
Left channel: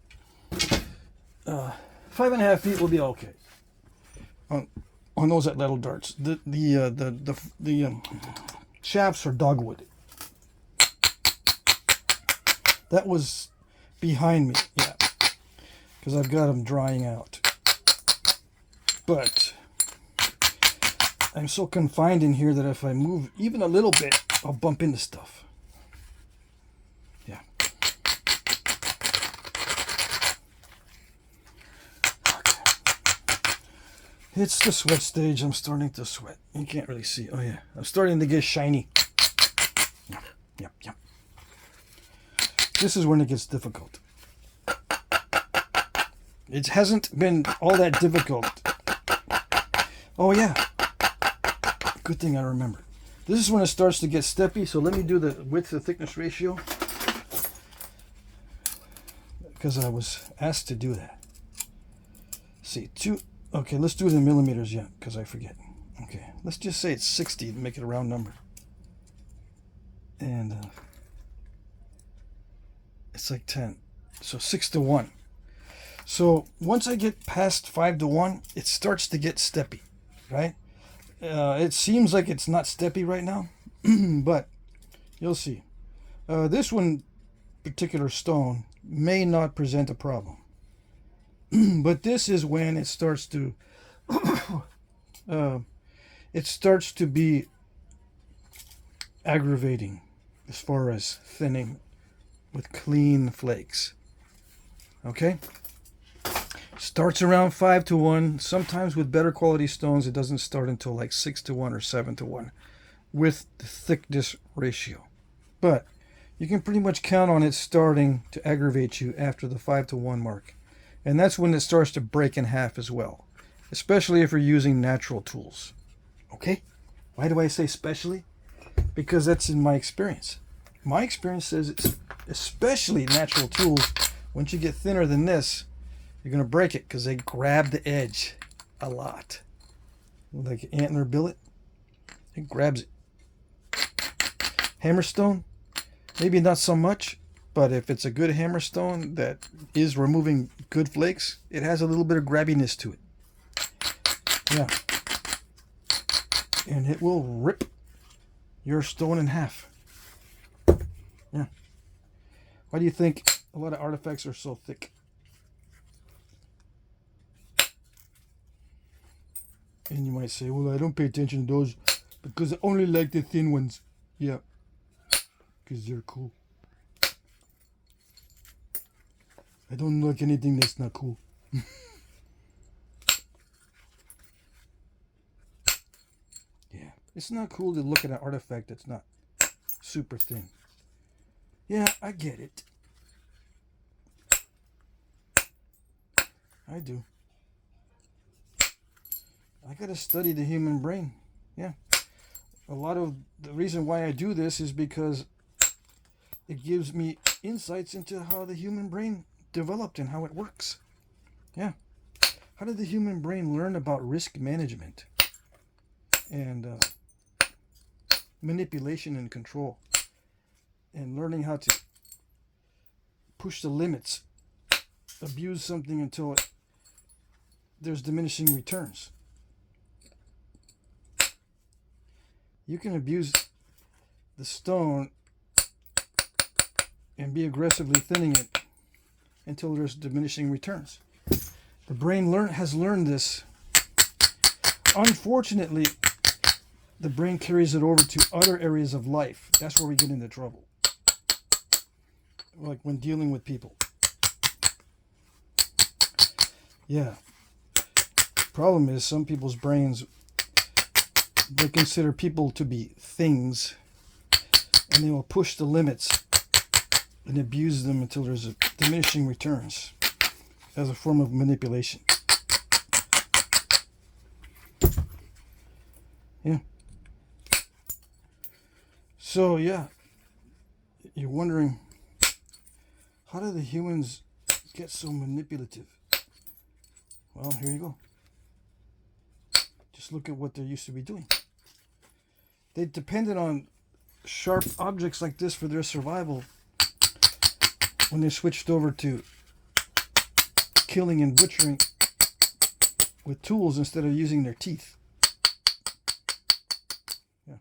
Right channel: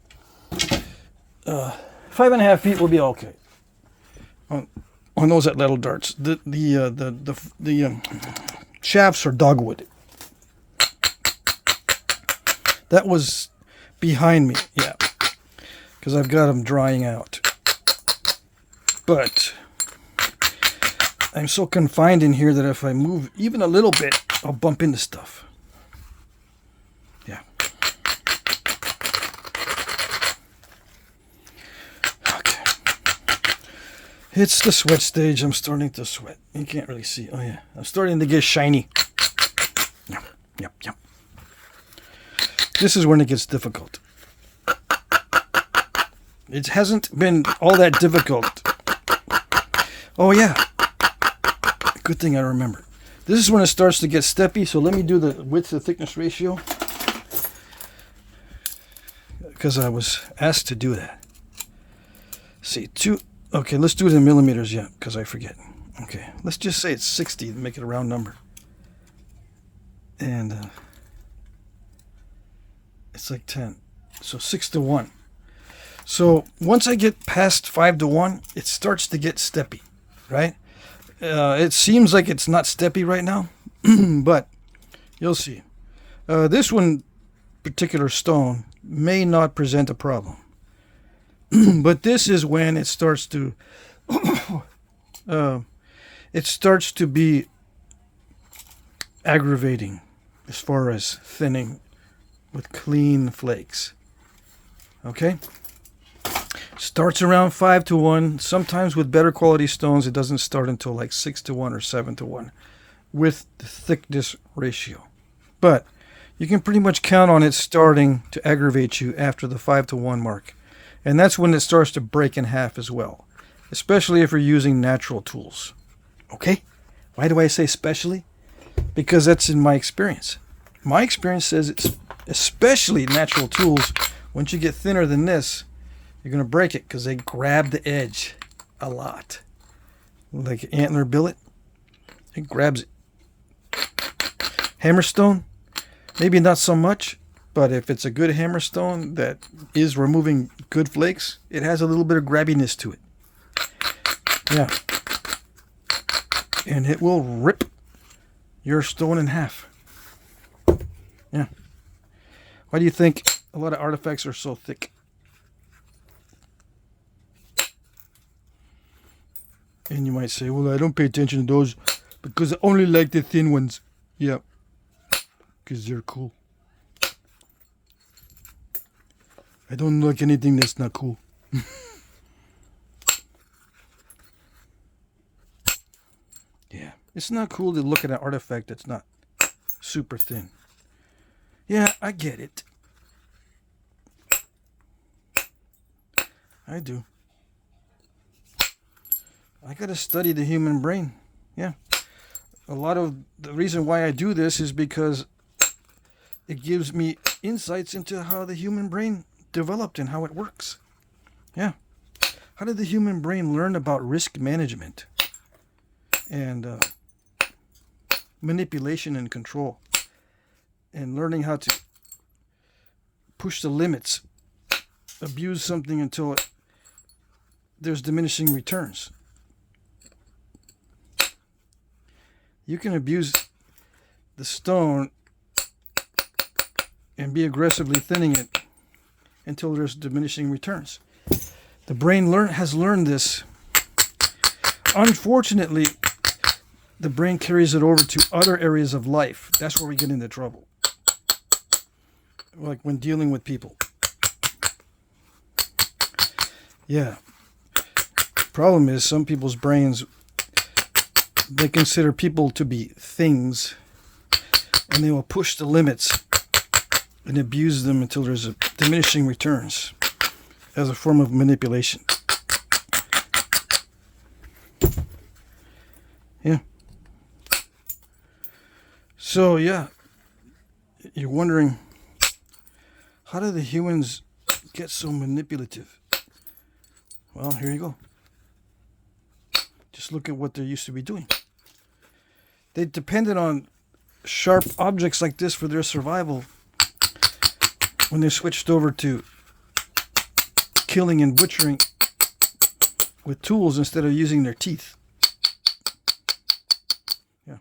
5.5 feet will be okay. On those at little darts. The shafts are dogwood. That was behind me, yeah, because I've got them drying out. But I'm so confined in here that if I move even a little bit, I'll bump into stuff. Yeah. Okay. It's the sweat stage. I'm starting to sweat. You can't really see. Oh yeah. I'm starting to get shiny. Yep. This is when it gets difficult. It hasn't been all that difficult. Oh yeah. Good thing I remember. This is when it starts to get steppy, so let me do the width to thickness ratio, because I was asked to do that. See, okay, let's do it in millimeters, yeah, because I forget. Okay, let's just say it's 60 to make it a round number. And it's like 10, so 6 to 1. So once I get past 5-1, it starts to get steppy, right? It seems like it's not steppy right now, but you'll see. This one particular stone may not present a problem. But this is when it starts to be aggravating as far as thinning with clean flakes. Okay? Starts around 5-1. Sometimes with better quality stones, it doesn't start until like 6-1 or 7-1 with the thickness ratio. But you can pretty much count on it starting to aggravate you after the 5-1 mark. And that's when it starts to break in half as well, especially if you're using natural tools. Okay? Why do I say especially? Because that's in my experience. My experience says it's especially natural tools. Once you get thinner than this, you're going to break it because they grab the edge a lot. Like antler billet, it grabs it. Hammerstone, maybe not so much, but if it's a good hammerstone that is removing good flakes, it has a little bit of grabbiness to it. Yeah. And it will rip your stone in half. Yeah. Why do you think a lot of artifacts are so thick? And you might say, well, I don't pay attention to those because I only like the thin ones. Yeah. Because they're cool. I don't like anything that's not cool. Yeah. It's not cool to look at an artifact that's not super thin. Yeah, I get it. I do. I gotta study the human brain. Yeah. A lot of the reason why I do this is because it gives me insights into how the human brain developed and how it works. Yeah. How did the human brain learn about risk management and manipulation and control, and learning how to push the limits, abuse something until there's diminishing returns. You can abuse the stone and be aggressively thinning it until there's diminishing returns. The brain has learned this. Unfortunately, the brain carries it over to other areas of life. That's where we get into trouble. Like when dealing with people. Yeah. Problem is, some people's brains, they consider people to be things, and they will push the limits and abuse them until there's a diminishing returns as a form of manipulation. Yeah. So, yeah, you're wondering, how do the humans get so manipulative? Well, here you go. Just look at what they used to be doing. They depended on sharp objects like this for their survival when they switched over to killing and butchering with tools instead of using their teeth. Yeah.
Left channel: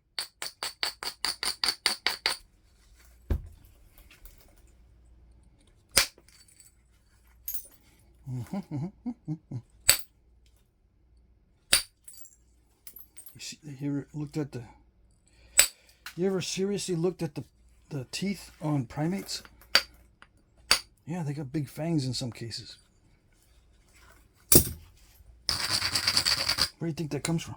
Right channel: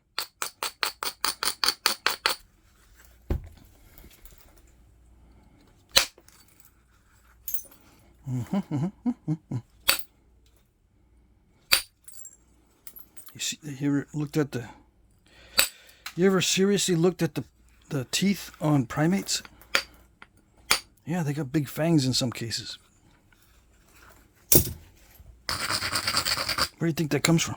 You ever seriously looked at the teeth on primates? Yeah, they got big fangs in some cases. Where do you think that comes from?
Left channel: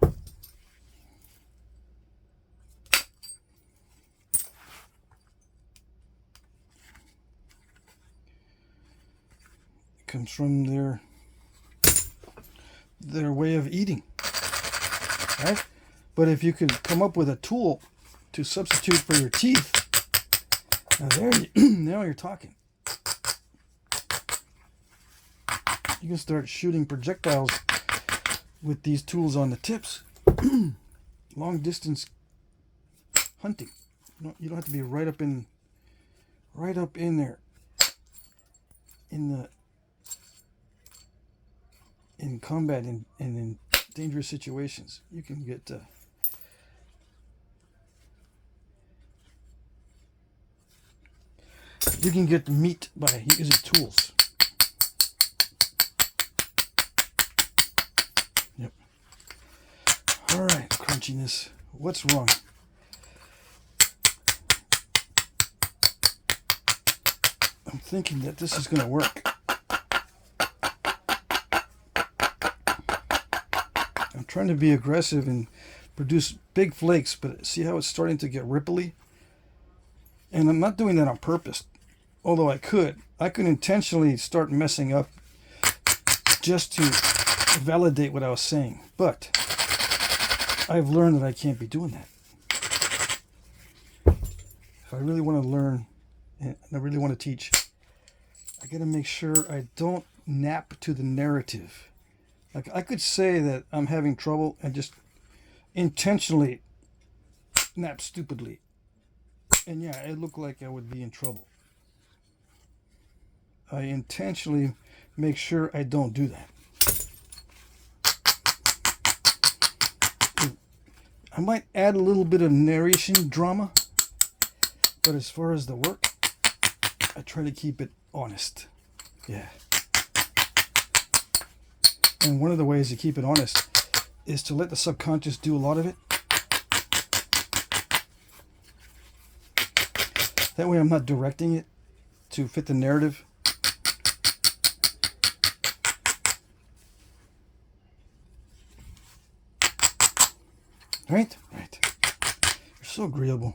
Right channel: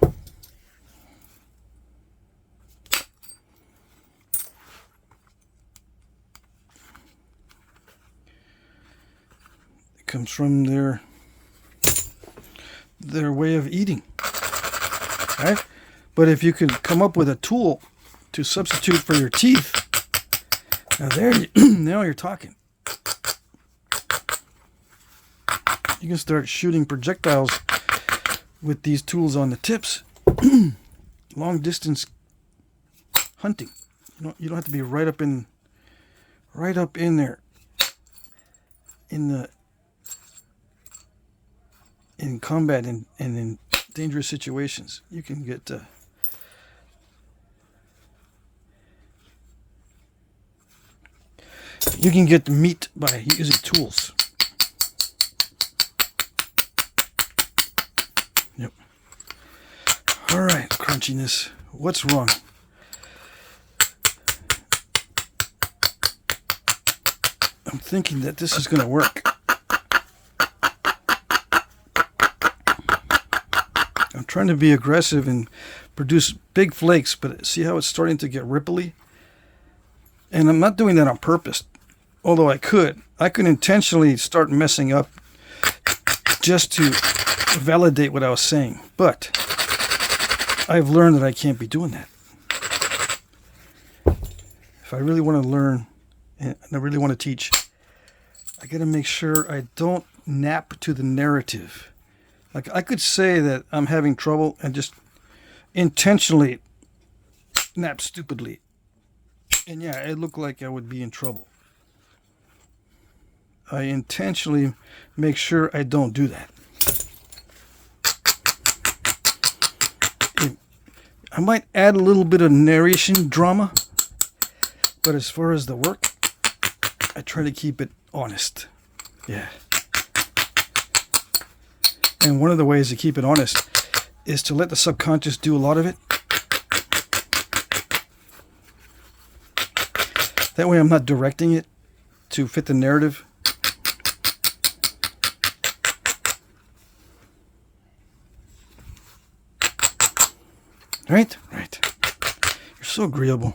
It comes from their way of eating, right? But if you could come up with a tool to substitute for your teeth, now you're talking. You can start shooting projectiles with these tools on the tips. Long distance hunting. You don't have to be right up in there in in combat and in dangerous situations. You can get meat by using tools. Yep. All right, crunchiness. What's wrong? I'm thinking that this is going to work. I'm trying to be aggressive and produce big flakes, but see how it's starting to get ripply? And I'm not doing that on purpose, although I could. I could intentionally start messing up just to validate what I was saying. But I've learned that I can't be doing that. If I really want to learn and I really want to teach, I got to make sure I don't nap to the narrative. Like, I could say that I'm having trouble and just intentionally nap stupidly. And yeah, it looked like I would be in trouble. I intentionally make sure I don't do that. I might add a little bit of narration drama, but as far as the work, I try to keep it honest. Yeah. And one of the ways to keep it honest is to let the subconscious do a lot of it. That way I'm not directing it to fit the narrative. Right? Right. You're so agreeable.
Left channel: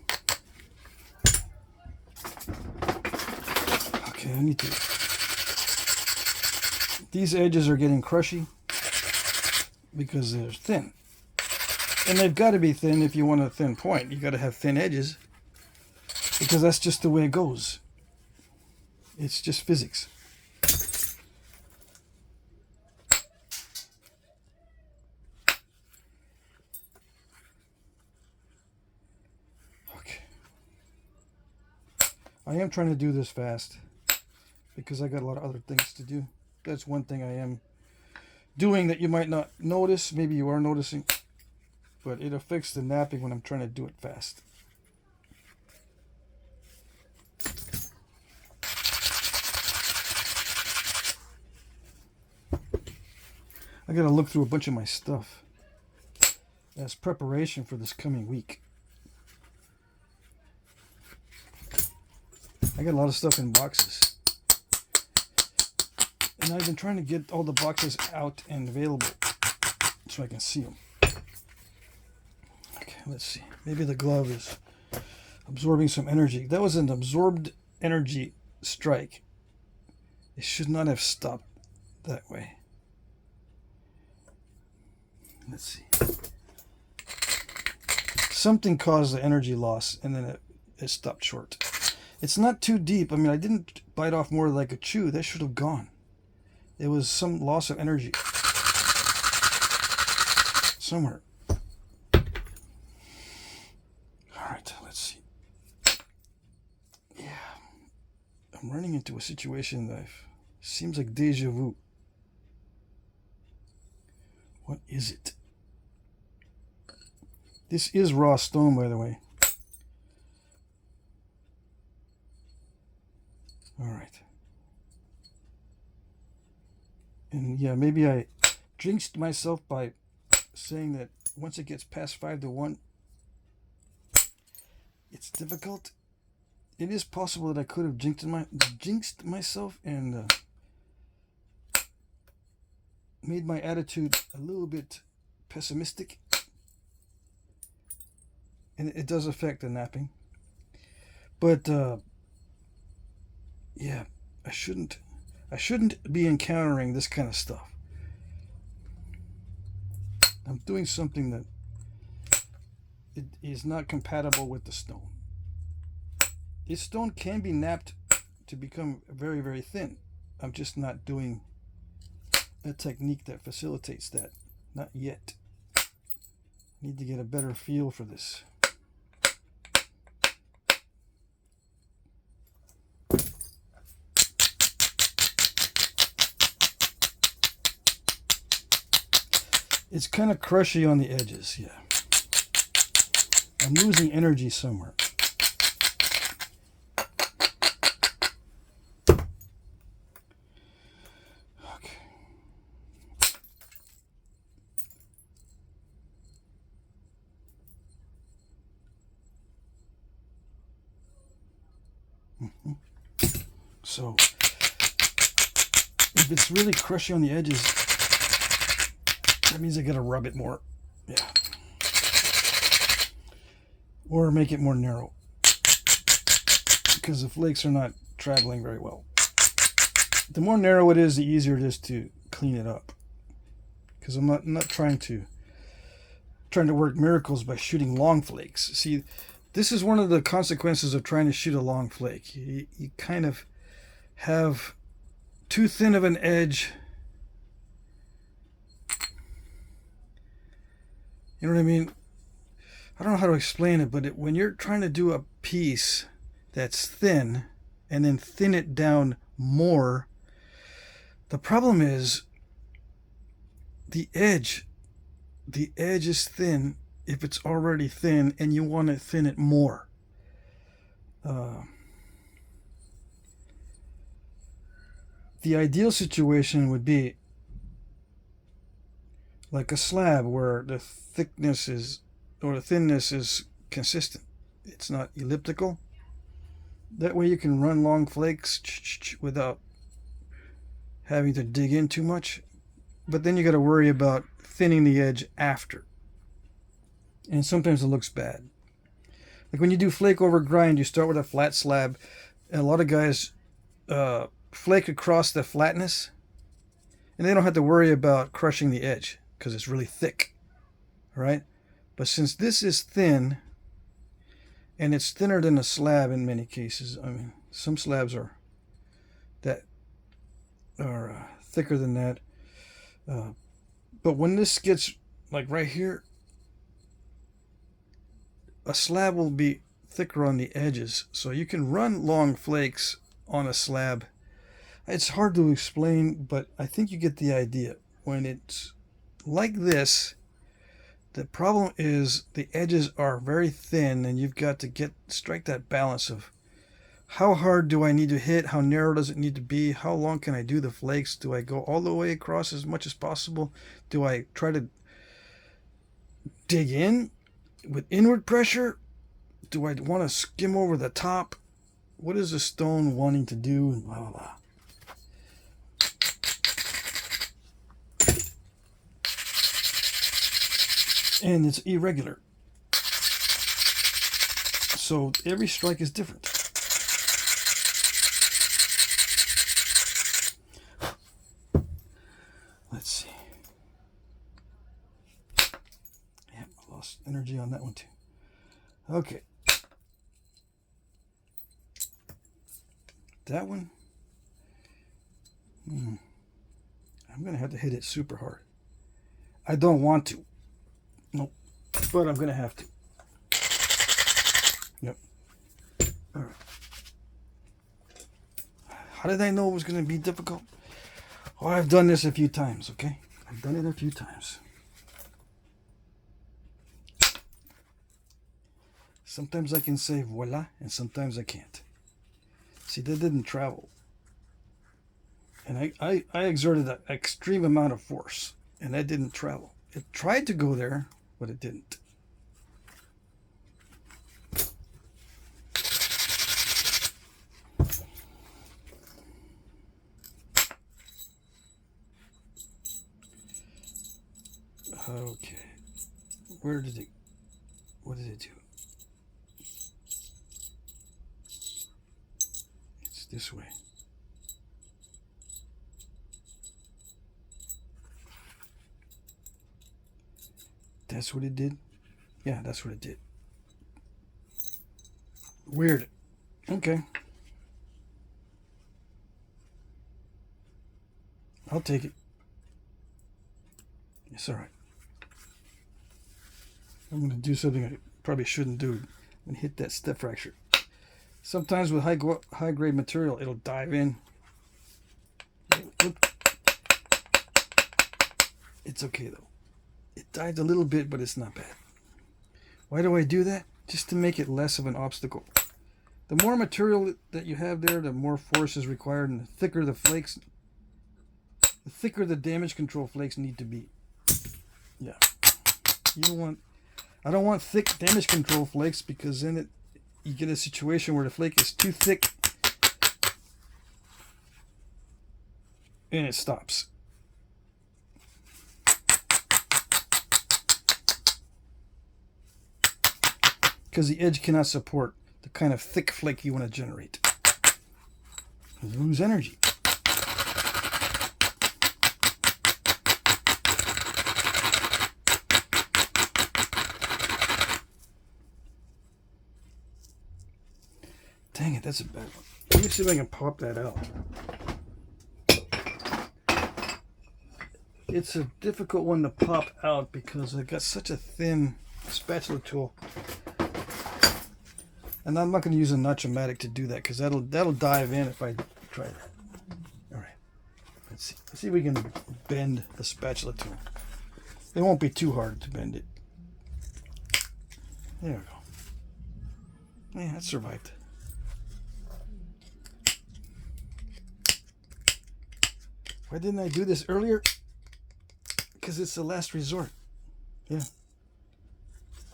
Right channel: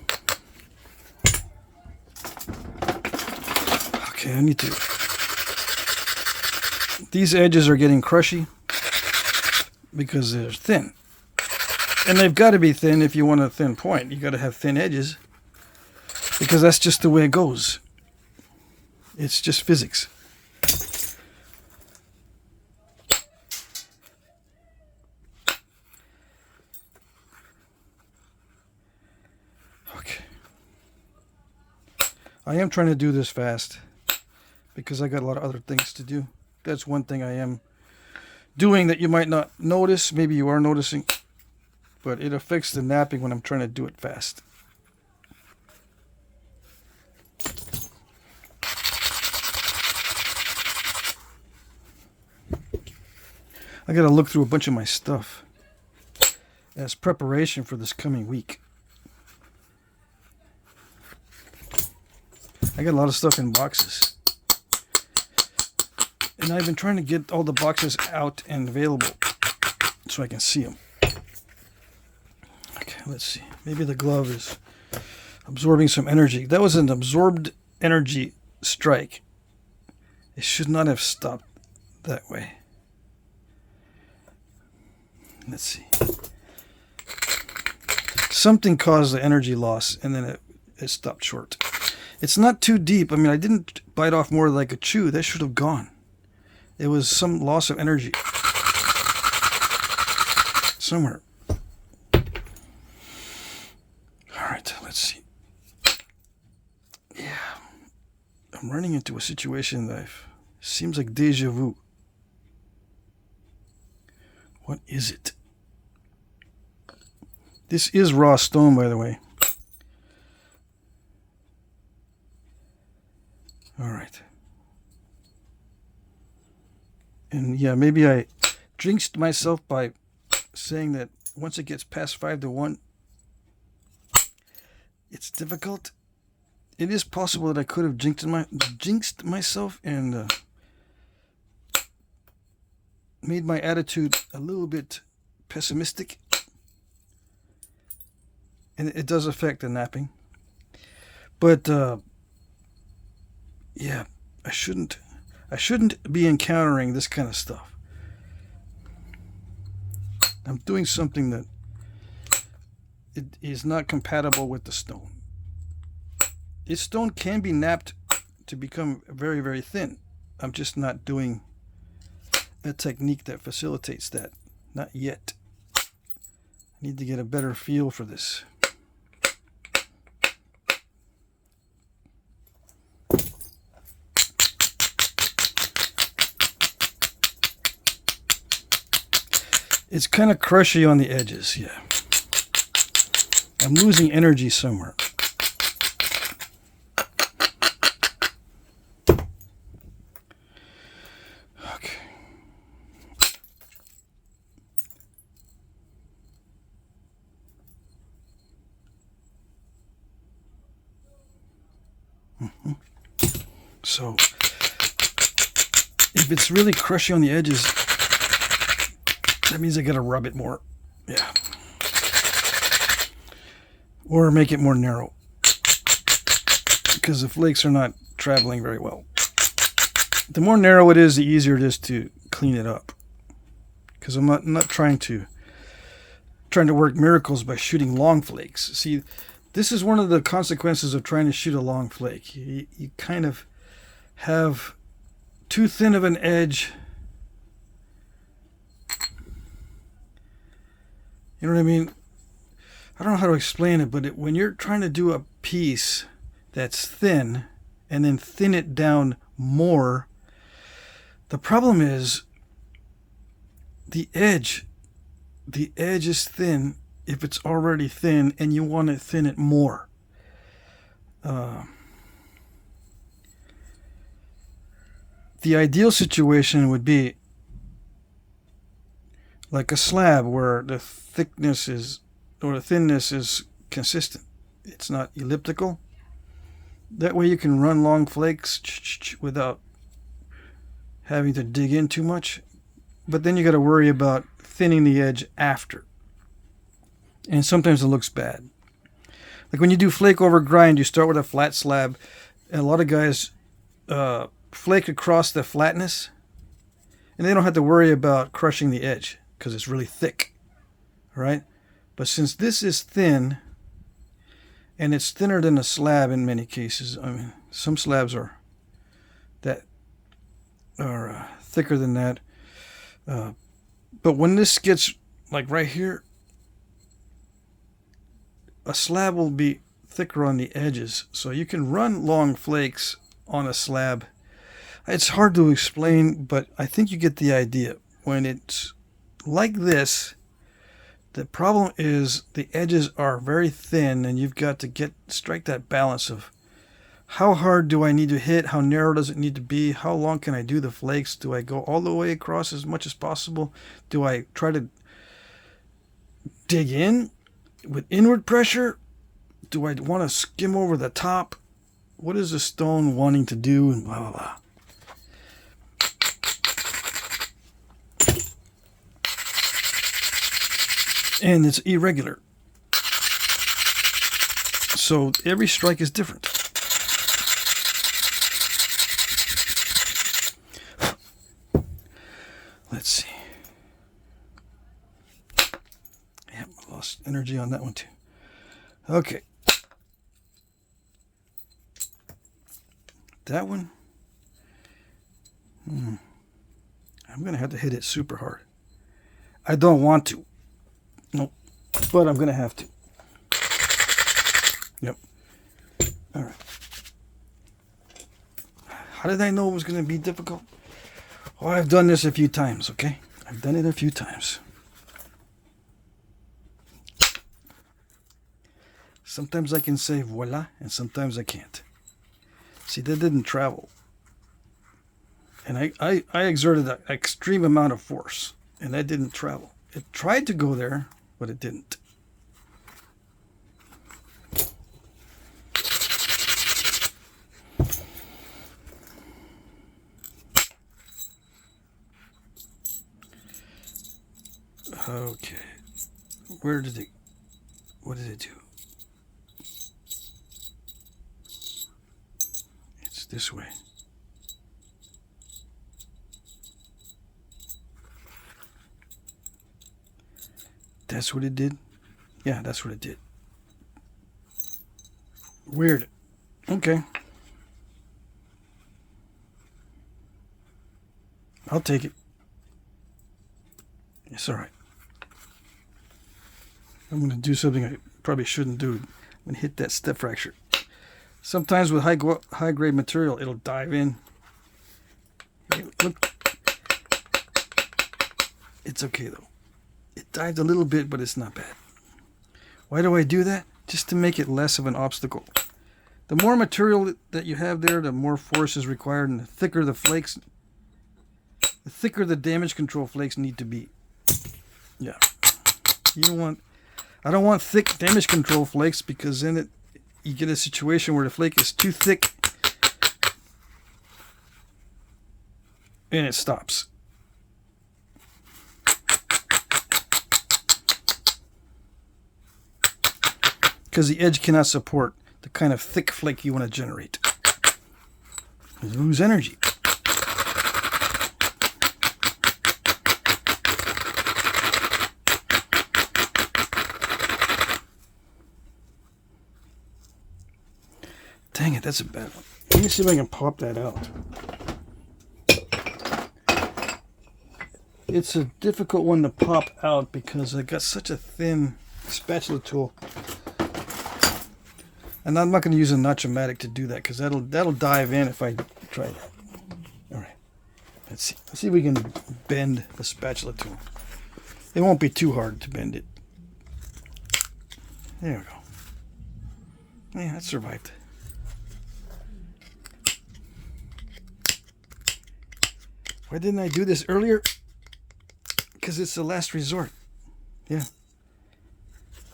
Okay, I need to... These edges are getting crushy because they're thin. And they've got to be thin if you want a thin point. You got to have thin edges because that's just the way it goes. It's just physics. Okay. I am trying to do this fast because I got a lot of other things to do. That's one thing I am doing that you might not notice. Maybe you are noticing, but it affects the napping when I'm trying to do it fast. I gotta look through a bunch of my stuff as preparation for this coming week. I got a lot of stuff in boxes. And I've been trying to get all the boxes out and available so I can see them. Okay, let's see. Maybe the glove is absorbing some energy. That was an absorbed energy strike. It should not have stopped that way. Let's see. Something caused the energy loss and then it stopped short. It's not too deep. I mean, I didn't bite off more like a chew. That should have gone. It was some loss of energy somewhere. All right, let's see. Yeah, I'm running into a situation that seems like deja vu. What is it? This is raw stone, by the way. All right. And yeah, maybe I jinxed myself by saying that once it gets past 5 to 1, it's difficult. It is possible that I could have jinxed myself and made my attitude a little bit pessimistic. And it does affect the napping. But yeah, I shouldn't be encountering this kind of stuff. I'm doing something that it is not compatible with the stone. This stone can be napped to become very, very thin. I'm just not doing a technique that facilitates that. Not yet. I need to get a better feel for this. It's kind of crushy on the edges, yeah. I'm losing energy somewhere. Okay. So, if it's really crushy on the edges, that means I gotta rub it more. Yeah. Or make it more narrow. Because the flakes are not traveling very well. The more narrow it is, the easier it is to clean it up. Because I'm not trying to work miracles by shooting long flakes. See, this is one of the consequences of trying to shoot a long flake. You kind of have too thin of an edge. You know what I mean? I don't know how to explain it, but when you're trying to do a piece that's thin and then thin it down more, the problem is the edge is thin if it's already thin and you want to thin it more. The ideal situation would be like a slab where the thickness is, or the thinness is consistent. It's not elliptical. That way you can run long flakes without having to dig in too much. But then you got to worry about thinning the edge after. And sometimes it looks bad. Like when you do flake over grind, you start with a flat slab. And a lot of guys flake across the flatness. And they don't have to worry about crushing the edge because it's really thick. All right? But since this is thin, and it's thinner than a slab in many cases. I mean, some slabs are thicker than that. But when this gets like right here, a slab will be thicker on the edges. So you can run long flakes on a slab. It's hard to explain, but I think you get the idea. When it's like this, the problem is the edges are very thin, and you've got to strike that balance of how hard do I need to hit, how narrow does it need to be, how long can I do the flakes, do I go all the way across as much as possible, do I try to dig in with inward pressure, do I want to skim over the top, what is the stone wanting to do, and blah blah blah. And it's irregular. So every strike is different. Let's see. Yep, I lost energy on that one too. Okay. That one. I'm going to have to hit it super hard. I don't want to. Nope. But I'm going to have to. Yep. All right. How did I know it was going to be difficult? Oh, I've done this a few times, okay? I've done it a few times. Sometimes I can say voila, and sometimes I can't. See, that didn't travel. And I exerted an extreme amount of force, and that didn't travel. It tried to go there, but it didn't. Okay. What did it do? It's this way. That's what it did? Yeah, that's what it did. Weird. Okay. I'll take it. It's all right. I'm going to do something I probably shouldn't do. I'm going to hit that step fracture. Sometimes with high grade material, it'll dive in. Look. It's okay though. It dived a little bit, but it's not bad. Why do I do that? Just to make it less of an obstacle. The more material that you have there, the more force is required, and the thicker the flakes, the thicker the damage control flakes need to be. Yeah. You don't want, I don't want thick damage control flakes, because then you get a situation where the flake is too thick and it stops. Because the edge cannot support the kind of thick flake you want to generate. You lose energy. Dang it, that's a bad one. Let me see if I can pop that out. It's a difficult one to pop out because I got such a thin spatula tool. And I'm not going to use a notch-o-matic to do that, because that'll dive in if I try that. All right, let's see. Let's see if we can bend the spatula tool. It won't be too hard to bend it. There we go. Yeah, that survived. Why didn't I do this earlier? Because it's the last resort. Yeah.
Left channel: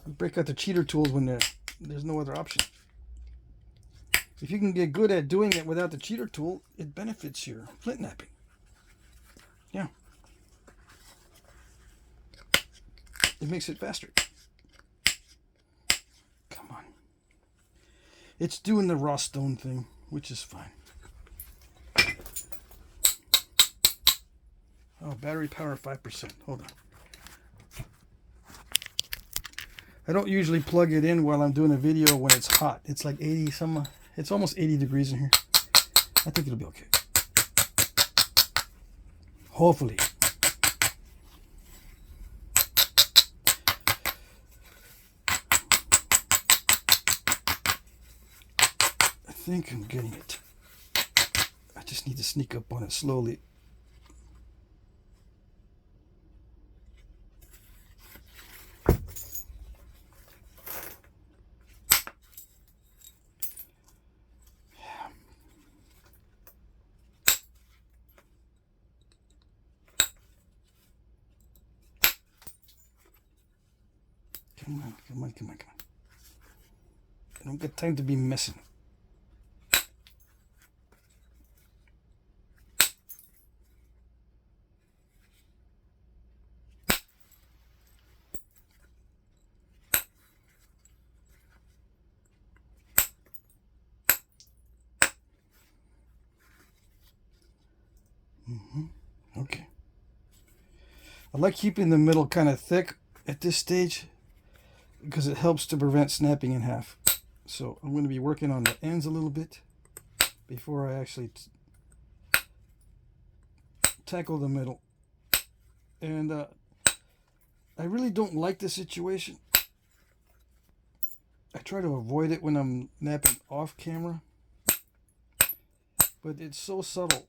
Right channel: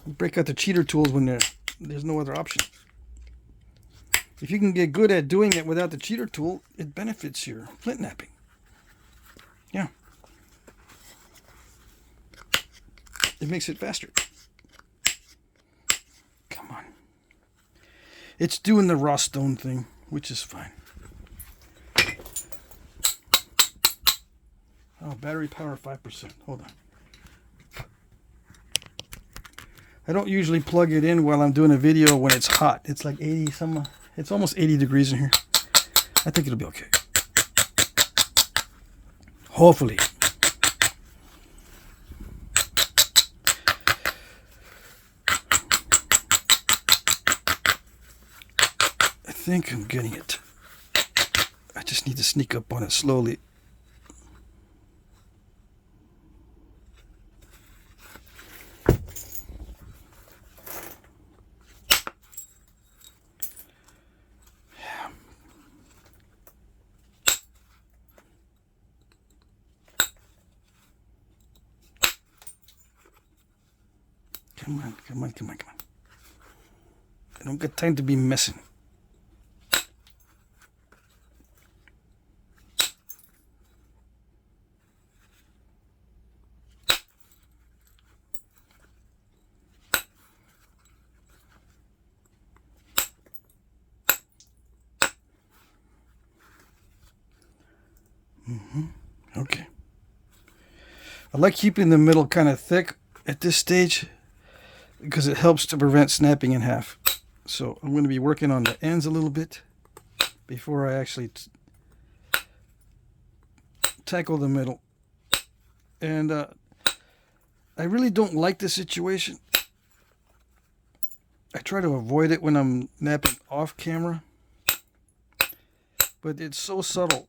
You break out the cheater tools when there's no other option. If you can get good at doing it without the cheater tool, it benefits your flint knapping. Yeah. It makes it faster. Come on. It's doing the raw stone thing, which is fine. Oh, battery power 5%. Hold on. I don't usually plug it in while I'm doing a video when it's hot. It's like 80 some. It's almost 80 degrees in here. I think it'll be okay. Hopefully. I think I'm getting it. I just need to sneak up on it slowly. Come on, come on, come on, come on. I don't got time to be messing. Okay. I like keeping the middle kind of thick at this stage, because it helps to prevent snapping in half. So I'm going to be working on the ends a little bit before I actually tackle the middle. And I really don't like this situation. I try to avoid it when I'm napping off camera, but it's so subtle.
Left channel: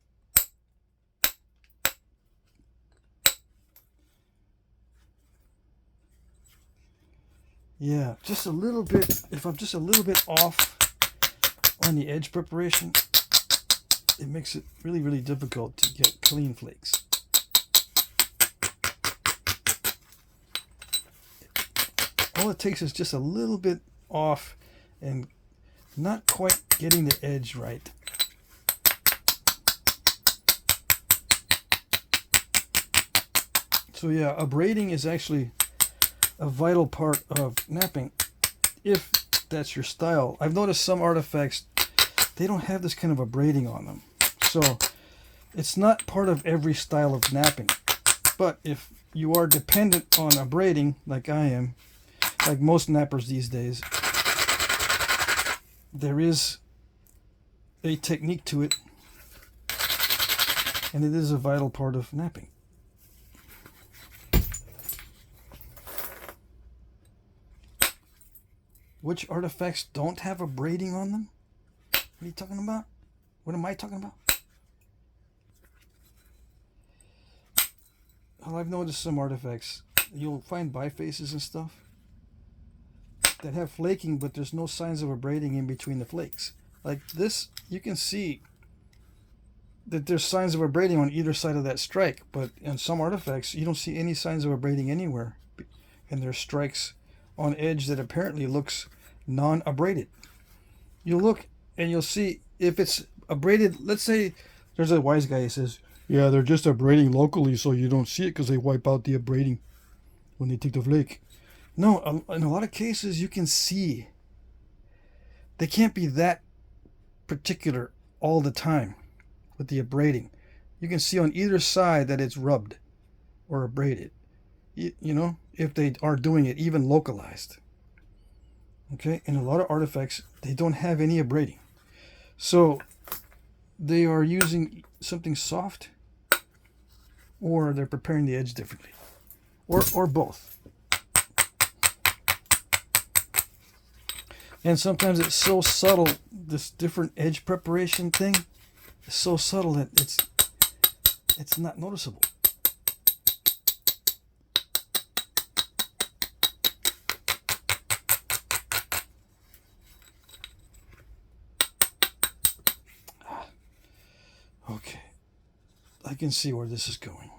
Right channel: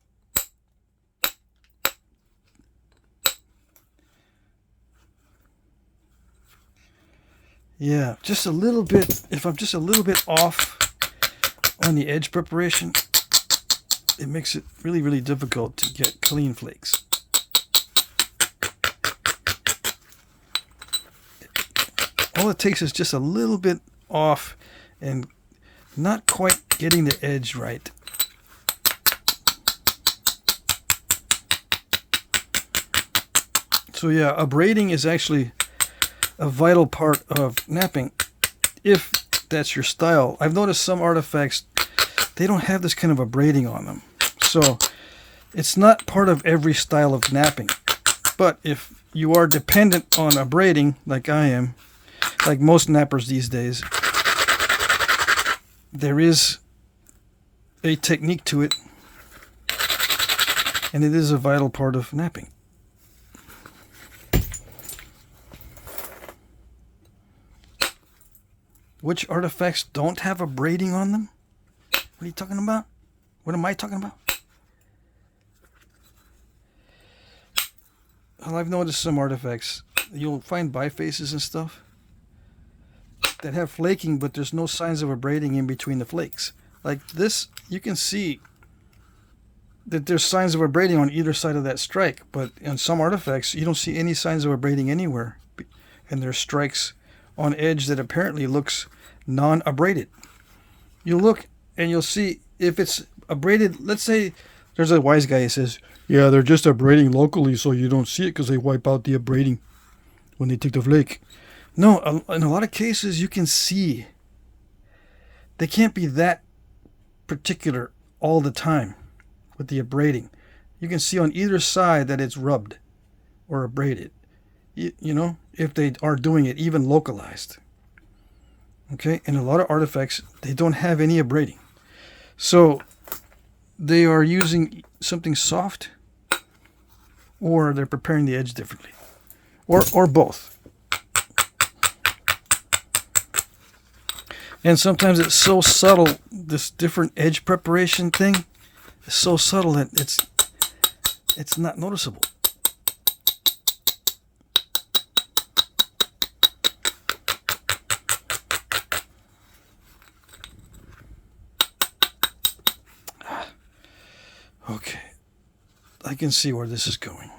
Yeah, just a little bit. If I'm just a little bit off on the edge preparation, it makes it really, really difficult to get clean flakes. All it takes is just a little bit off and not quite getting the edge right. So yeah, abrading is actually a vital part of knapping, if that's your style. I've noticed some artifacts, they don't have this kind of abrading on them. So it's not part of every style of knapping. But if you are dependent on abrading, like I am, like most knappers these days, there is a technique to it, and it is a vital part of knapping. Which artifacts don't have abrading on them? What are you talking about? What am I talking about? Well, I've noticed some artifacts you'll find bifaces and stuff that have flaking, but there's no signs of abrading in between the flakes. Like this, you can see that there's signs of abrading on either side of that strike, but in some artifacts you don't see any signs of abrading anywhere, and there's strikes on edge that apparently looks non-abraded. You look and you'll see if it's abraded. Let's say there's a wise guy who says, yeah, they're just abrading locally so you don't see it because they wipe out the abrading when they take the flake. No, in a lot of cases you can see. They can't be that particular all the time with the abrading. You can see on either side that it's rubbed or abraded. You know, if they are doing it even localized. Okay, and a lot of artifacts, they don't have any abrading. So they are using something soft, or they're preparing the edge differently, or both. And sometimes it's so subtle, this different edge preparation thing is so subtle that it's not noticeable. Okay, I can see where this is going.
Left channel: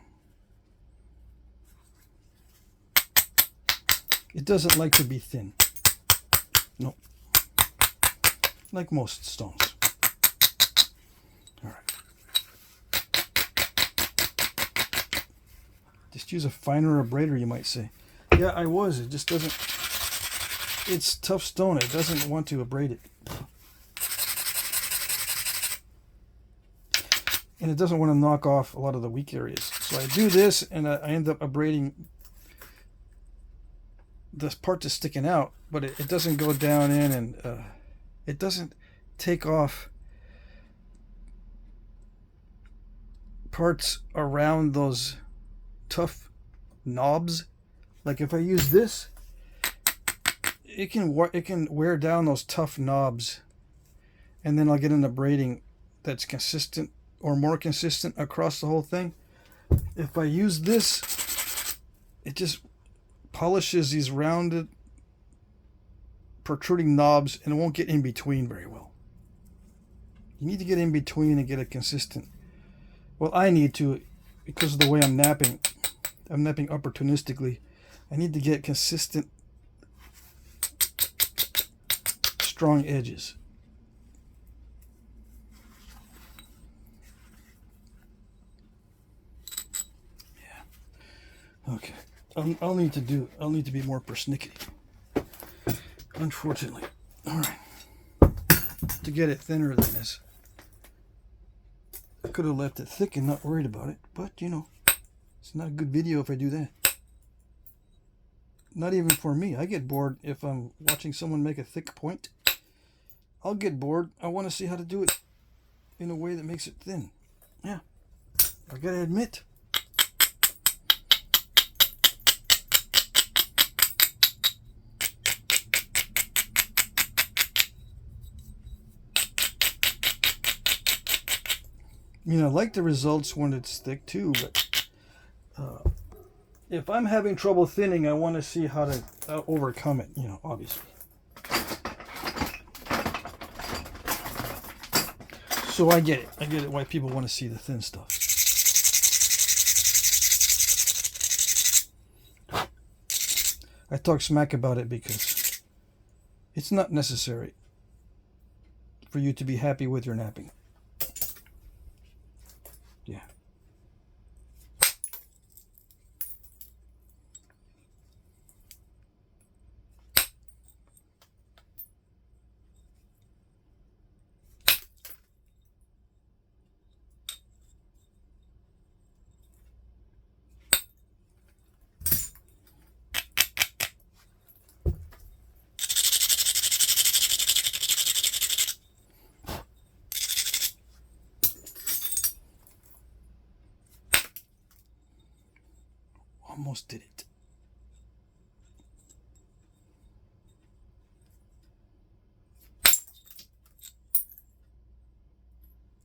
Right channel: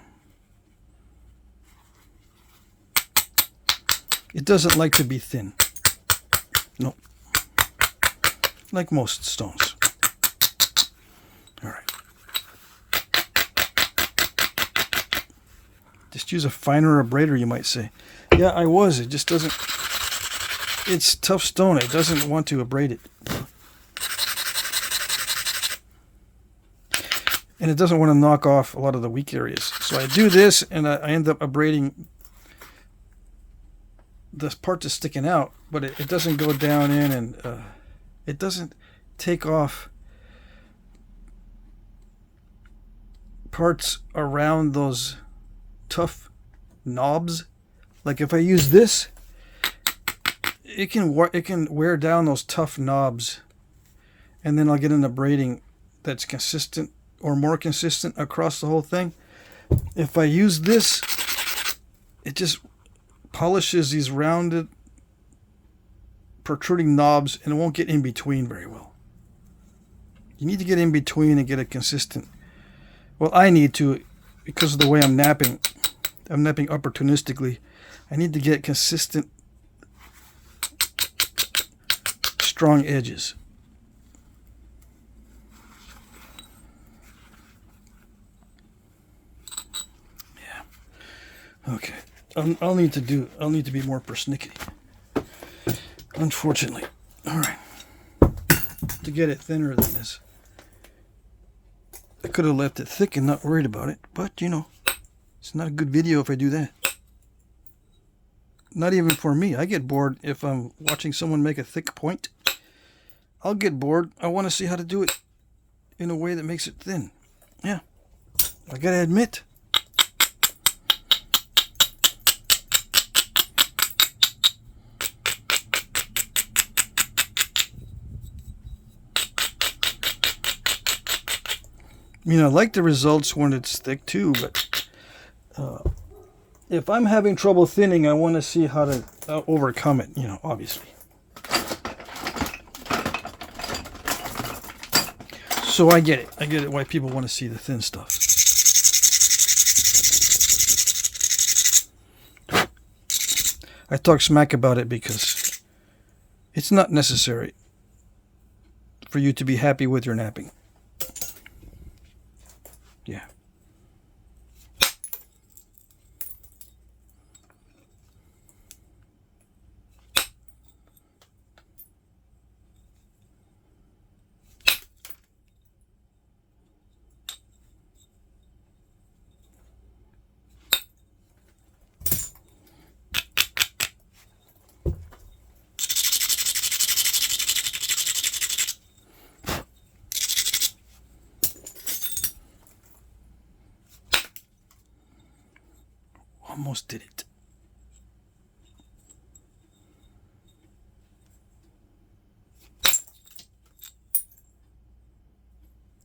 It doesn't like to be thin. No. Like most stones. All right. Just use a finer abrader, you might say. Yeah, I was. It just doesn't... It's tough stone. It doesn't want to abrade it. And it doesn't want to knock off a lot of the weak areas. So I do this, and I end up abrading this part that's sticking out, but it doesn't go down in, and it doesn't take off parts around those tough knobs. Like if I use this, it can wear down those tough knobs, and then I'll get an abrading that's consistent or more consistent across the whole thing. If I use this, it just polishes these rounded protruding knobs, and it won't get in between very well. You need to get in between and get a consistent... Well, I need to, because of the way I'm napping opportunistically. I need to get consistent, strong edges. Okay, I'll need to be more persnickety, unfortunately. All right, to get it thinner than this. I could have left it thick and not worried about it, but you know, it's not a good video if I do that. Not even for me. I get bored if I'm watching someone make a thick point. I'll get bored. I want to see how to do it in a way that makes it thin. Yeah, I gotta admit. I mean, I like the results when it's thick too, but if I'm having trouble thinning, I want to see how to overcome it, you know, obviously. So I get it. I get it why people want to see the thin stuff. I talk smack about it because it's not necessary for you to be happy with your napping. Yeah. Almost did it.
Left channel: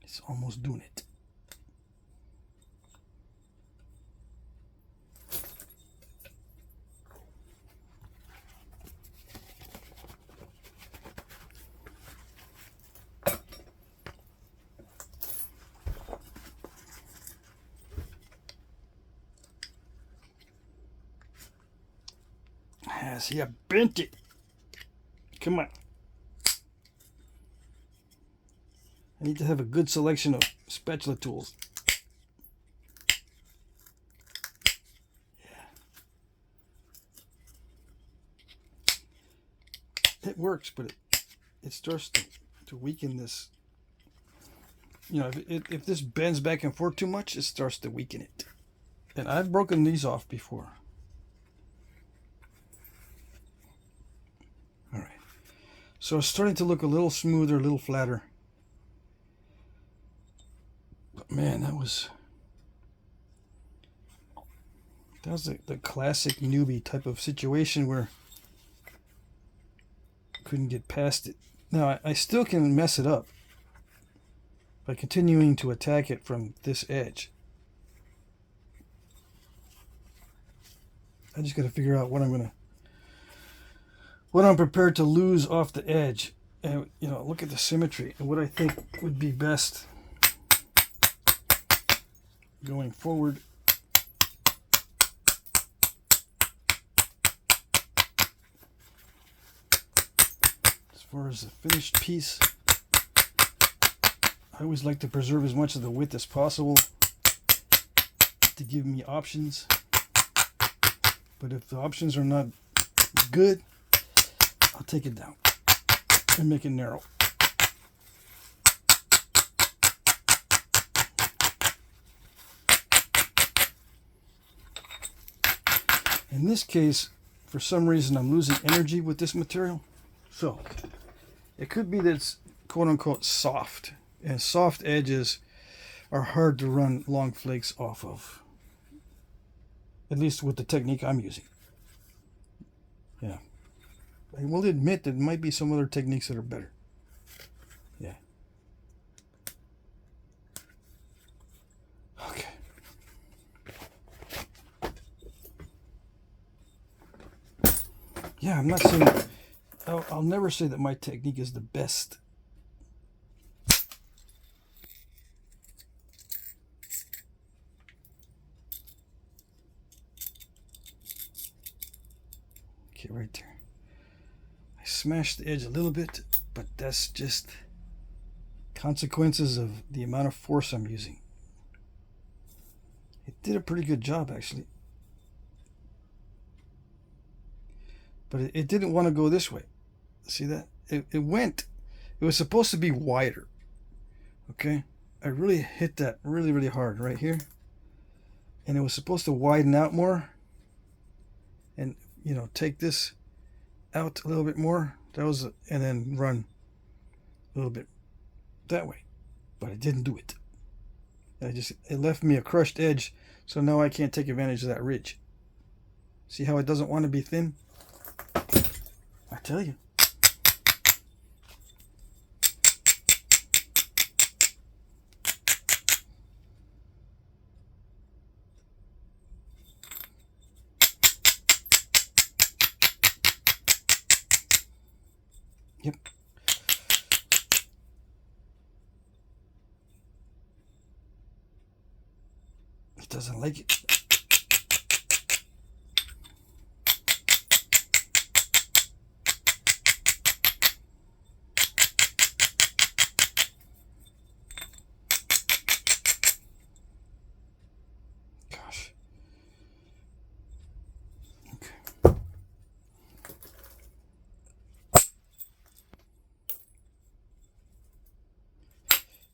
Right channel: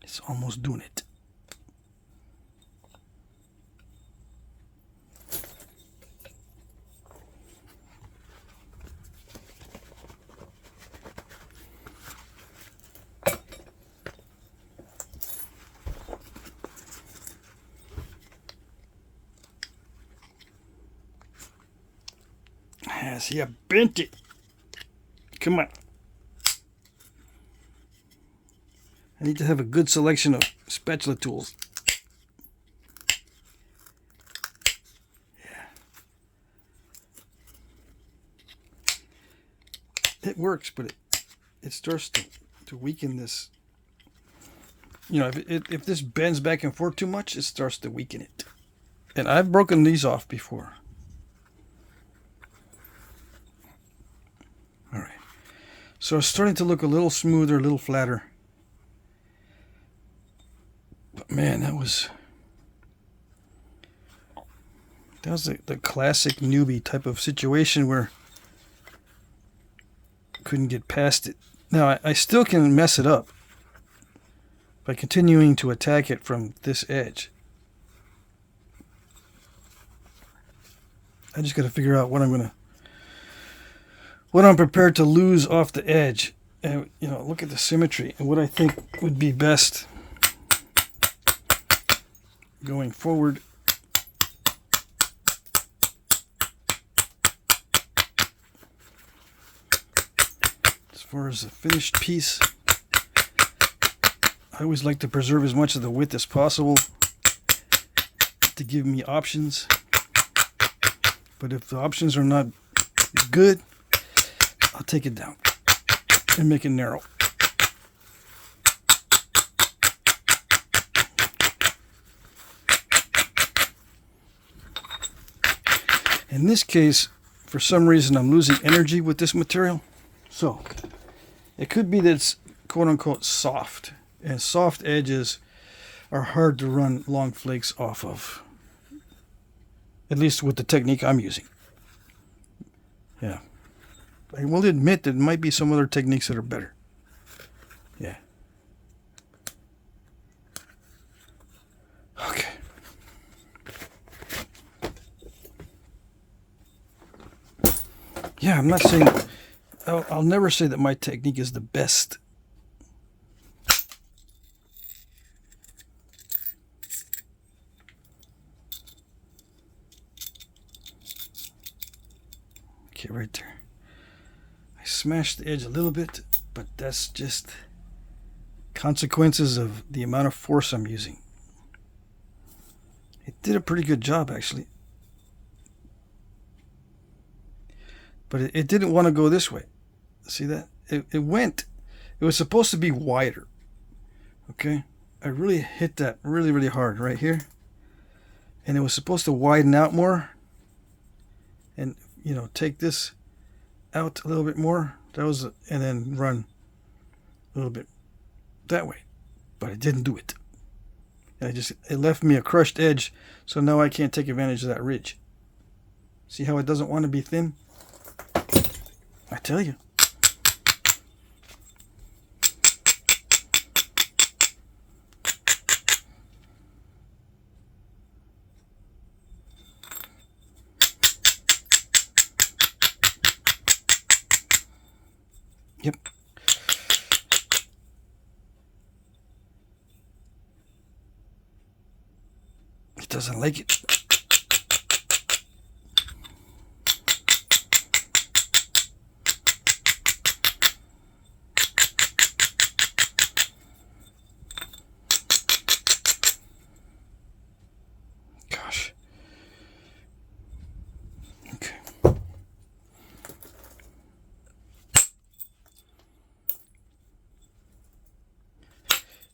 It's almost doing it. Ah, see, I bent it. Come on. I need to have a good selection of spatula tools. Yeah. It works, but it starts to weaken this. You know, if this bends back and forth too much, it starts to weaken it. And I've broken these off before. All right. So it's starting to look a little smoother, a little flatter. But man, that was the classic newbie type of situation where I couldn't get past it. Now, I still can mess it up by continuing to attack it from this edge. I just got to figure out what I'm prepared to lose off the edge, and you know, look at the symmetry and what I think would be best going forward. As far as the finished piece, I always like to preserve as much of the width as possible to give me options. But if the options are not good, I'll take it down and make it narrow. In this case, for some reason, I'm losing energy with this material. So it could be that it's quote unquote soft. And soft edges are hard to run long flakes off of. At least with the technique I'm using. Yeah. I will admit that there might be some other techniques that are better. Yeah. Okay. Yeah, I'm not saying... I'll never say that my technique is the best. Okay, right there. I smashed the edge a little bit, but that's just consequences of the amount of force I'm using. It did a pretty good job, actually. But it didn't want to go this way. See that? It was supposed to be wider. Okay? I really hit that really, really hard right here. And it was supposed to widen out more. And, you know, take this out a little bit more. And then run a little bit that way. But it didn't do it. It left me a crushed edge. So now I can't take advantage of that ridge. See how it doesn't want to be thin? I tell you. Yep. It doesn't like it. Gosh. Okay.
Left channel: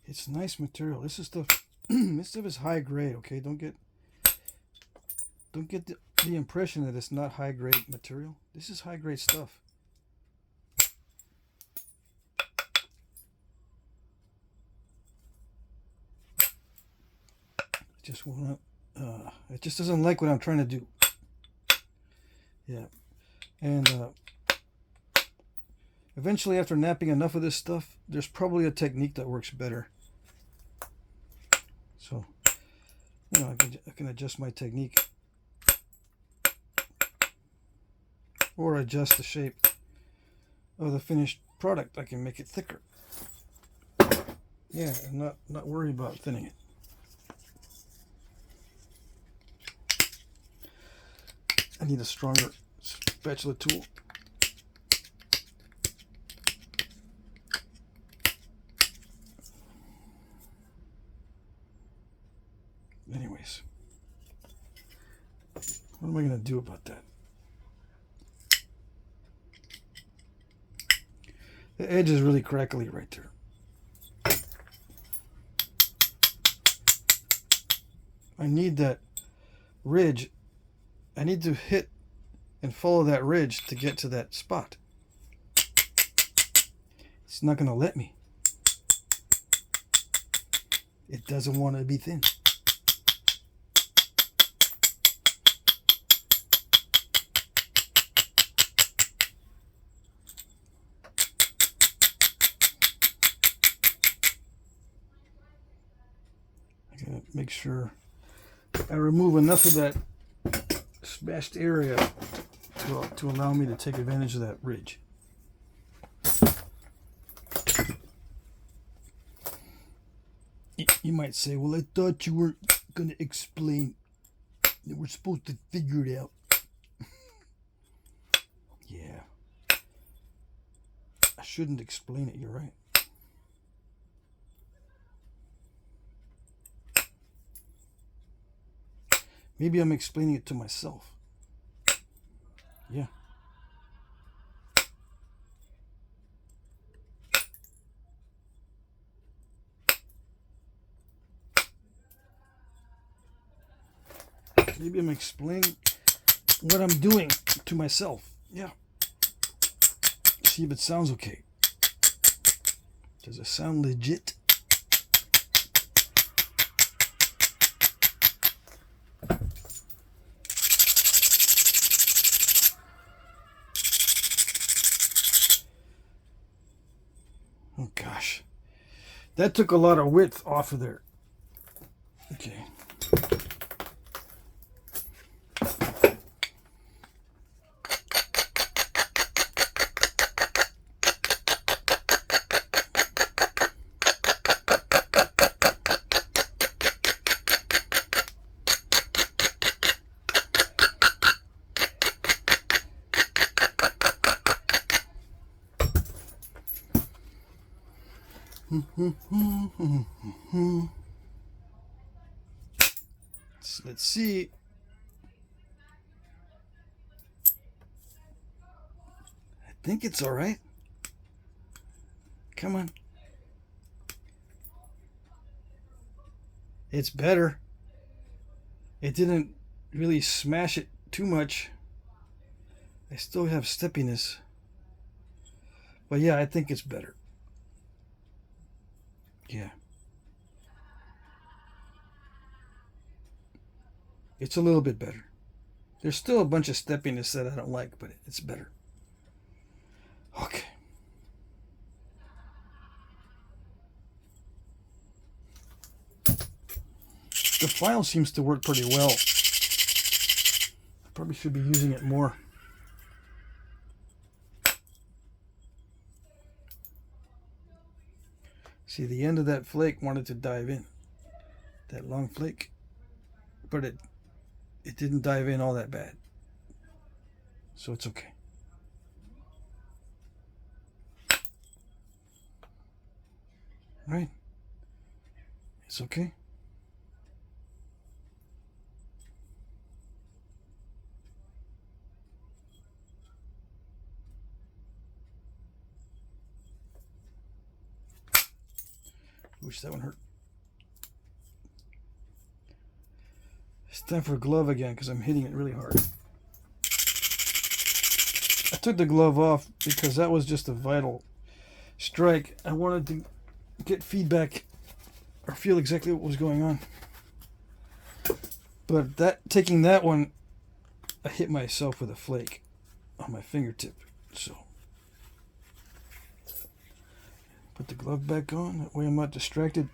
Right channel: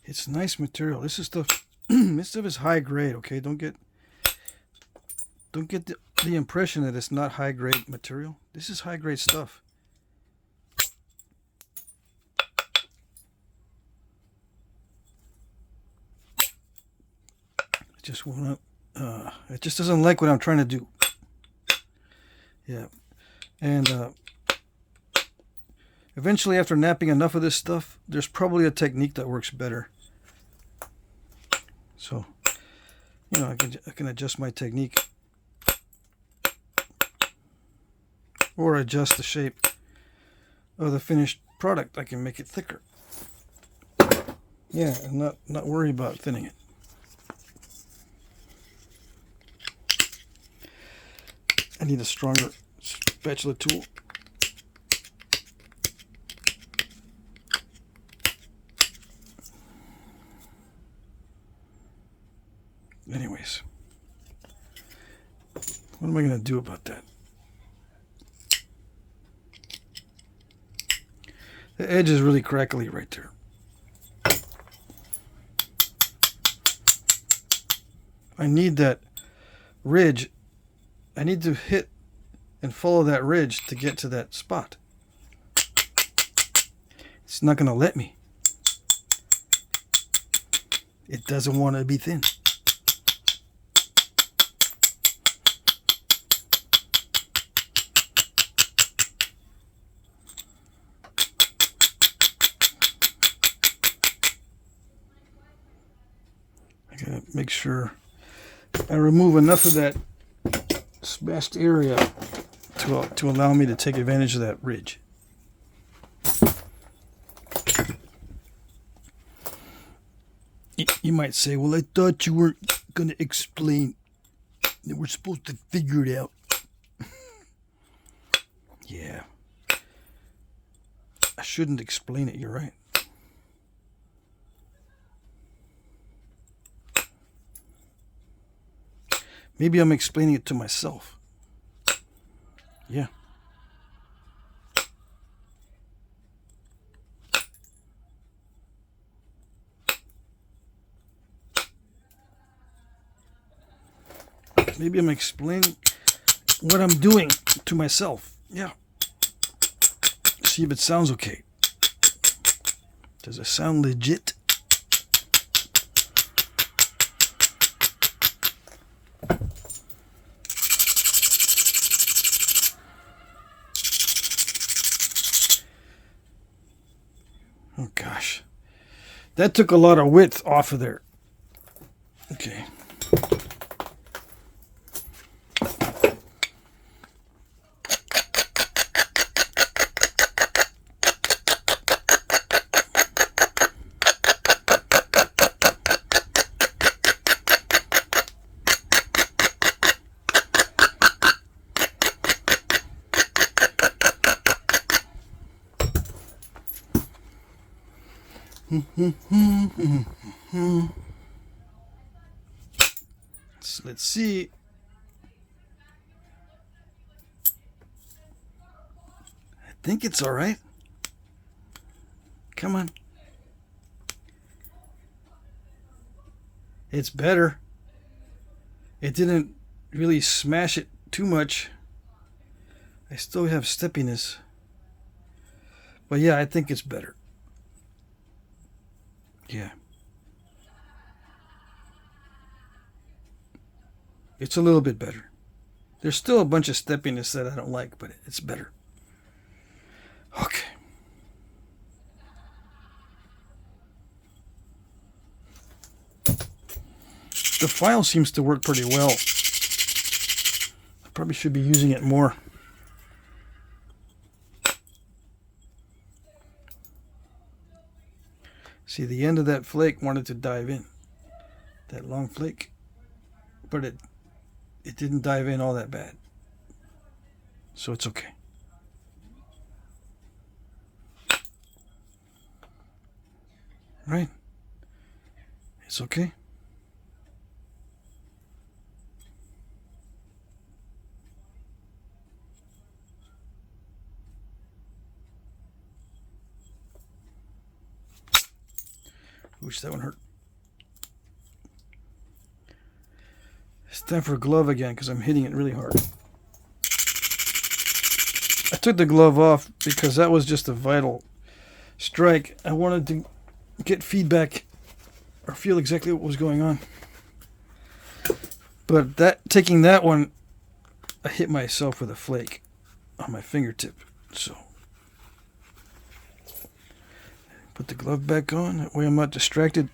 It's nice material. This is stuff. This stuff is high grade. Okay, don't get the impression that it's not high grade material. This is high grade stuff. It just won't. It just doesn't like what I'm trying to do. Yeah, and eventually, after napping enough of this stuff, there's probably a technique that works better. So, you know, I can adjust my technique or adjust the shape of the finished product. I can make it thicker. Yeah, I'm not worried about thinning it. I need a stronger spatula tool. Anyways, what am I going to do about that? The edge is really crackly right there. I need that ridge. I need to hit and follow that ridge to get to that spot. It's not going to let me. It doesn't want to be thin. I gotta make sure I remove enough of that smashed area to allow me to take advantage of that ridge. You might say, well, I thought you weren't going to explain that we're supposed to figure it out. Yeah. I shouldn't explain it, you're right. Maybe I'm explaining it to myself. Yeah. Maybe I'm explaining what I'm doing to myself. Yeah. See if it sounds okay. Does it sound legit? Oh gosh. That took a lot of width off of there. Okay. So let's see. I think it's all right. Come on. It's better. It didn't really smash it too much. I still have steppiness. But yeah, I think it's better. Yeah. It's a little bit better. There's still a bunch of steppiness that I don't like, but it's better. Okay. The file seems to work pretty well. I probably should be using it more. See, the end of that flake wanted to dive in. That long flake. But it didn't dive in all that bad. So it's okay. Right? It's okay. Wish that one hurt. It's time for a glove again because I'm hitting it really hard. I took the glove off because that was just a vital strike. I wanted to get feedback or feel exactly what was going on. But taking that one, I hit myself with a flake on my fingertip. So put the glove back on. That way I'm not distracted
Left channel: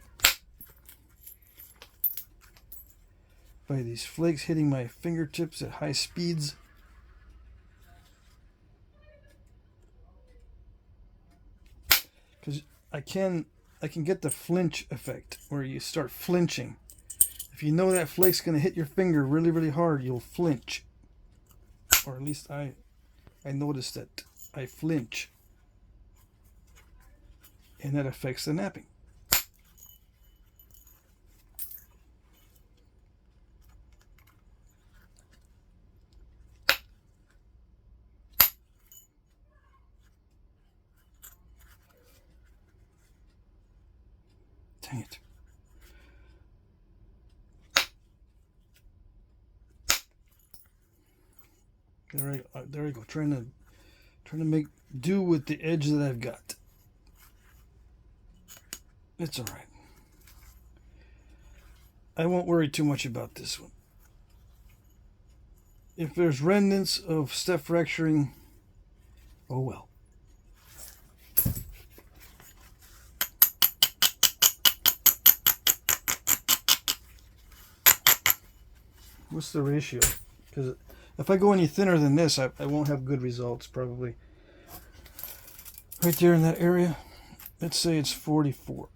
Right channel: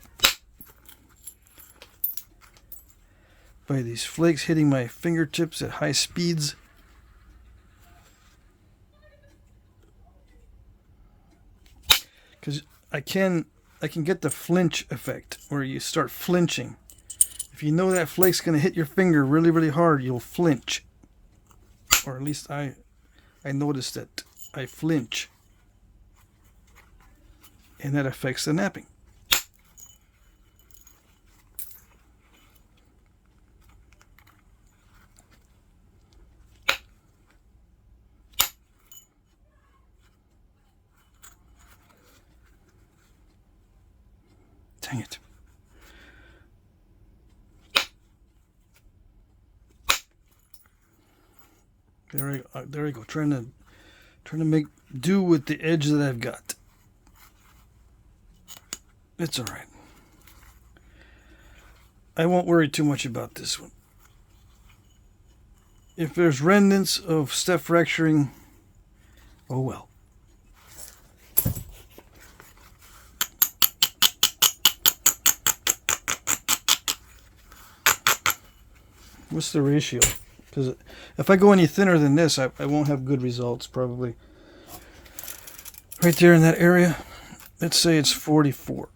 by these flakes hitting my fingertips at high speeds. Because I can get the flinch effect where you start flinching. If you know that flake's going to hit your finger really, really hard, you'll flinch. Or at least I I notice that I flinch, and that affects the napping. Dang it. There we go. Trying to make do with the edge that I've got. It's all right. I won't worry too much about this one. If there's remnants of step fracturing, oh well. What's the ratio? Because if I go any thinner than this, I won't have good results probably. Right there in that area, let's say it's 44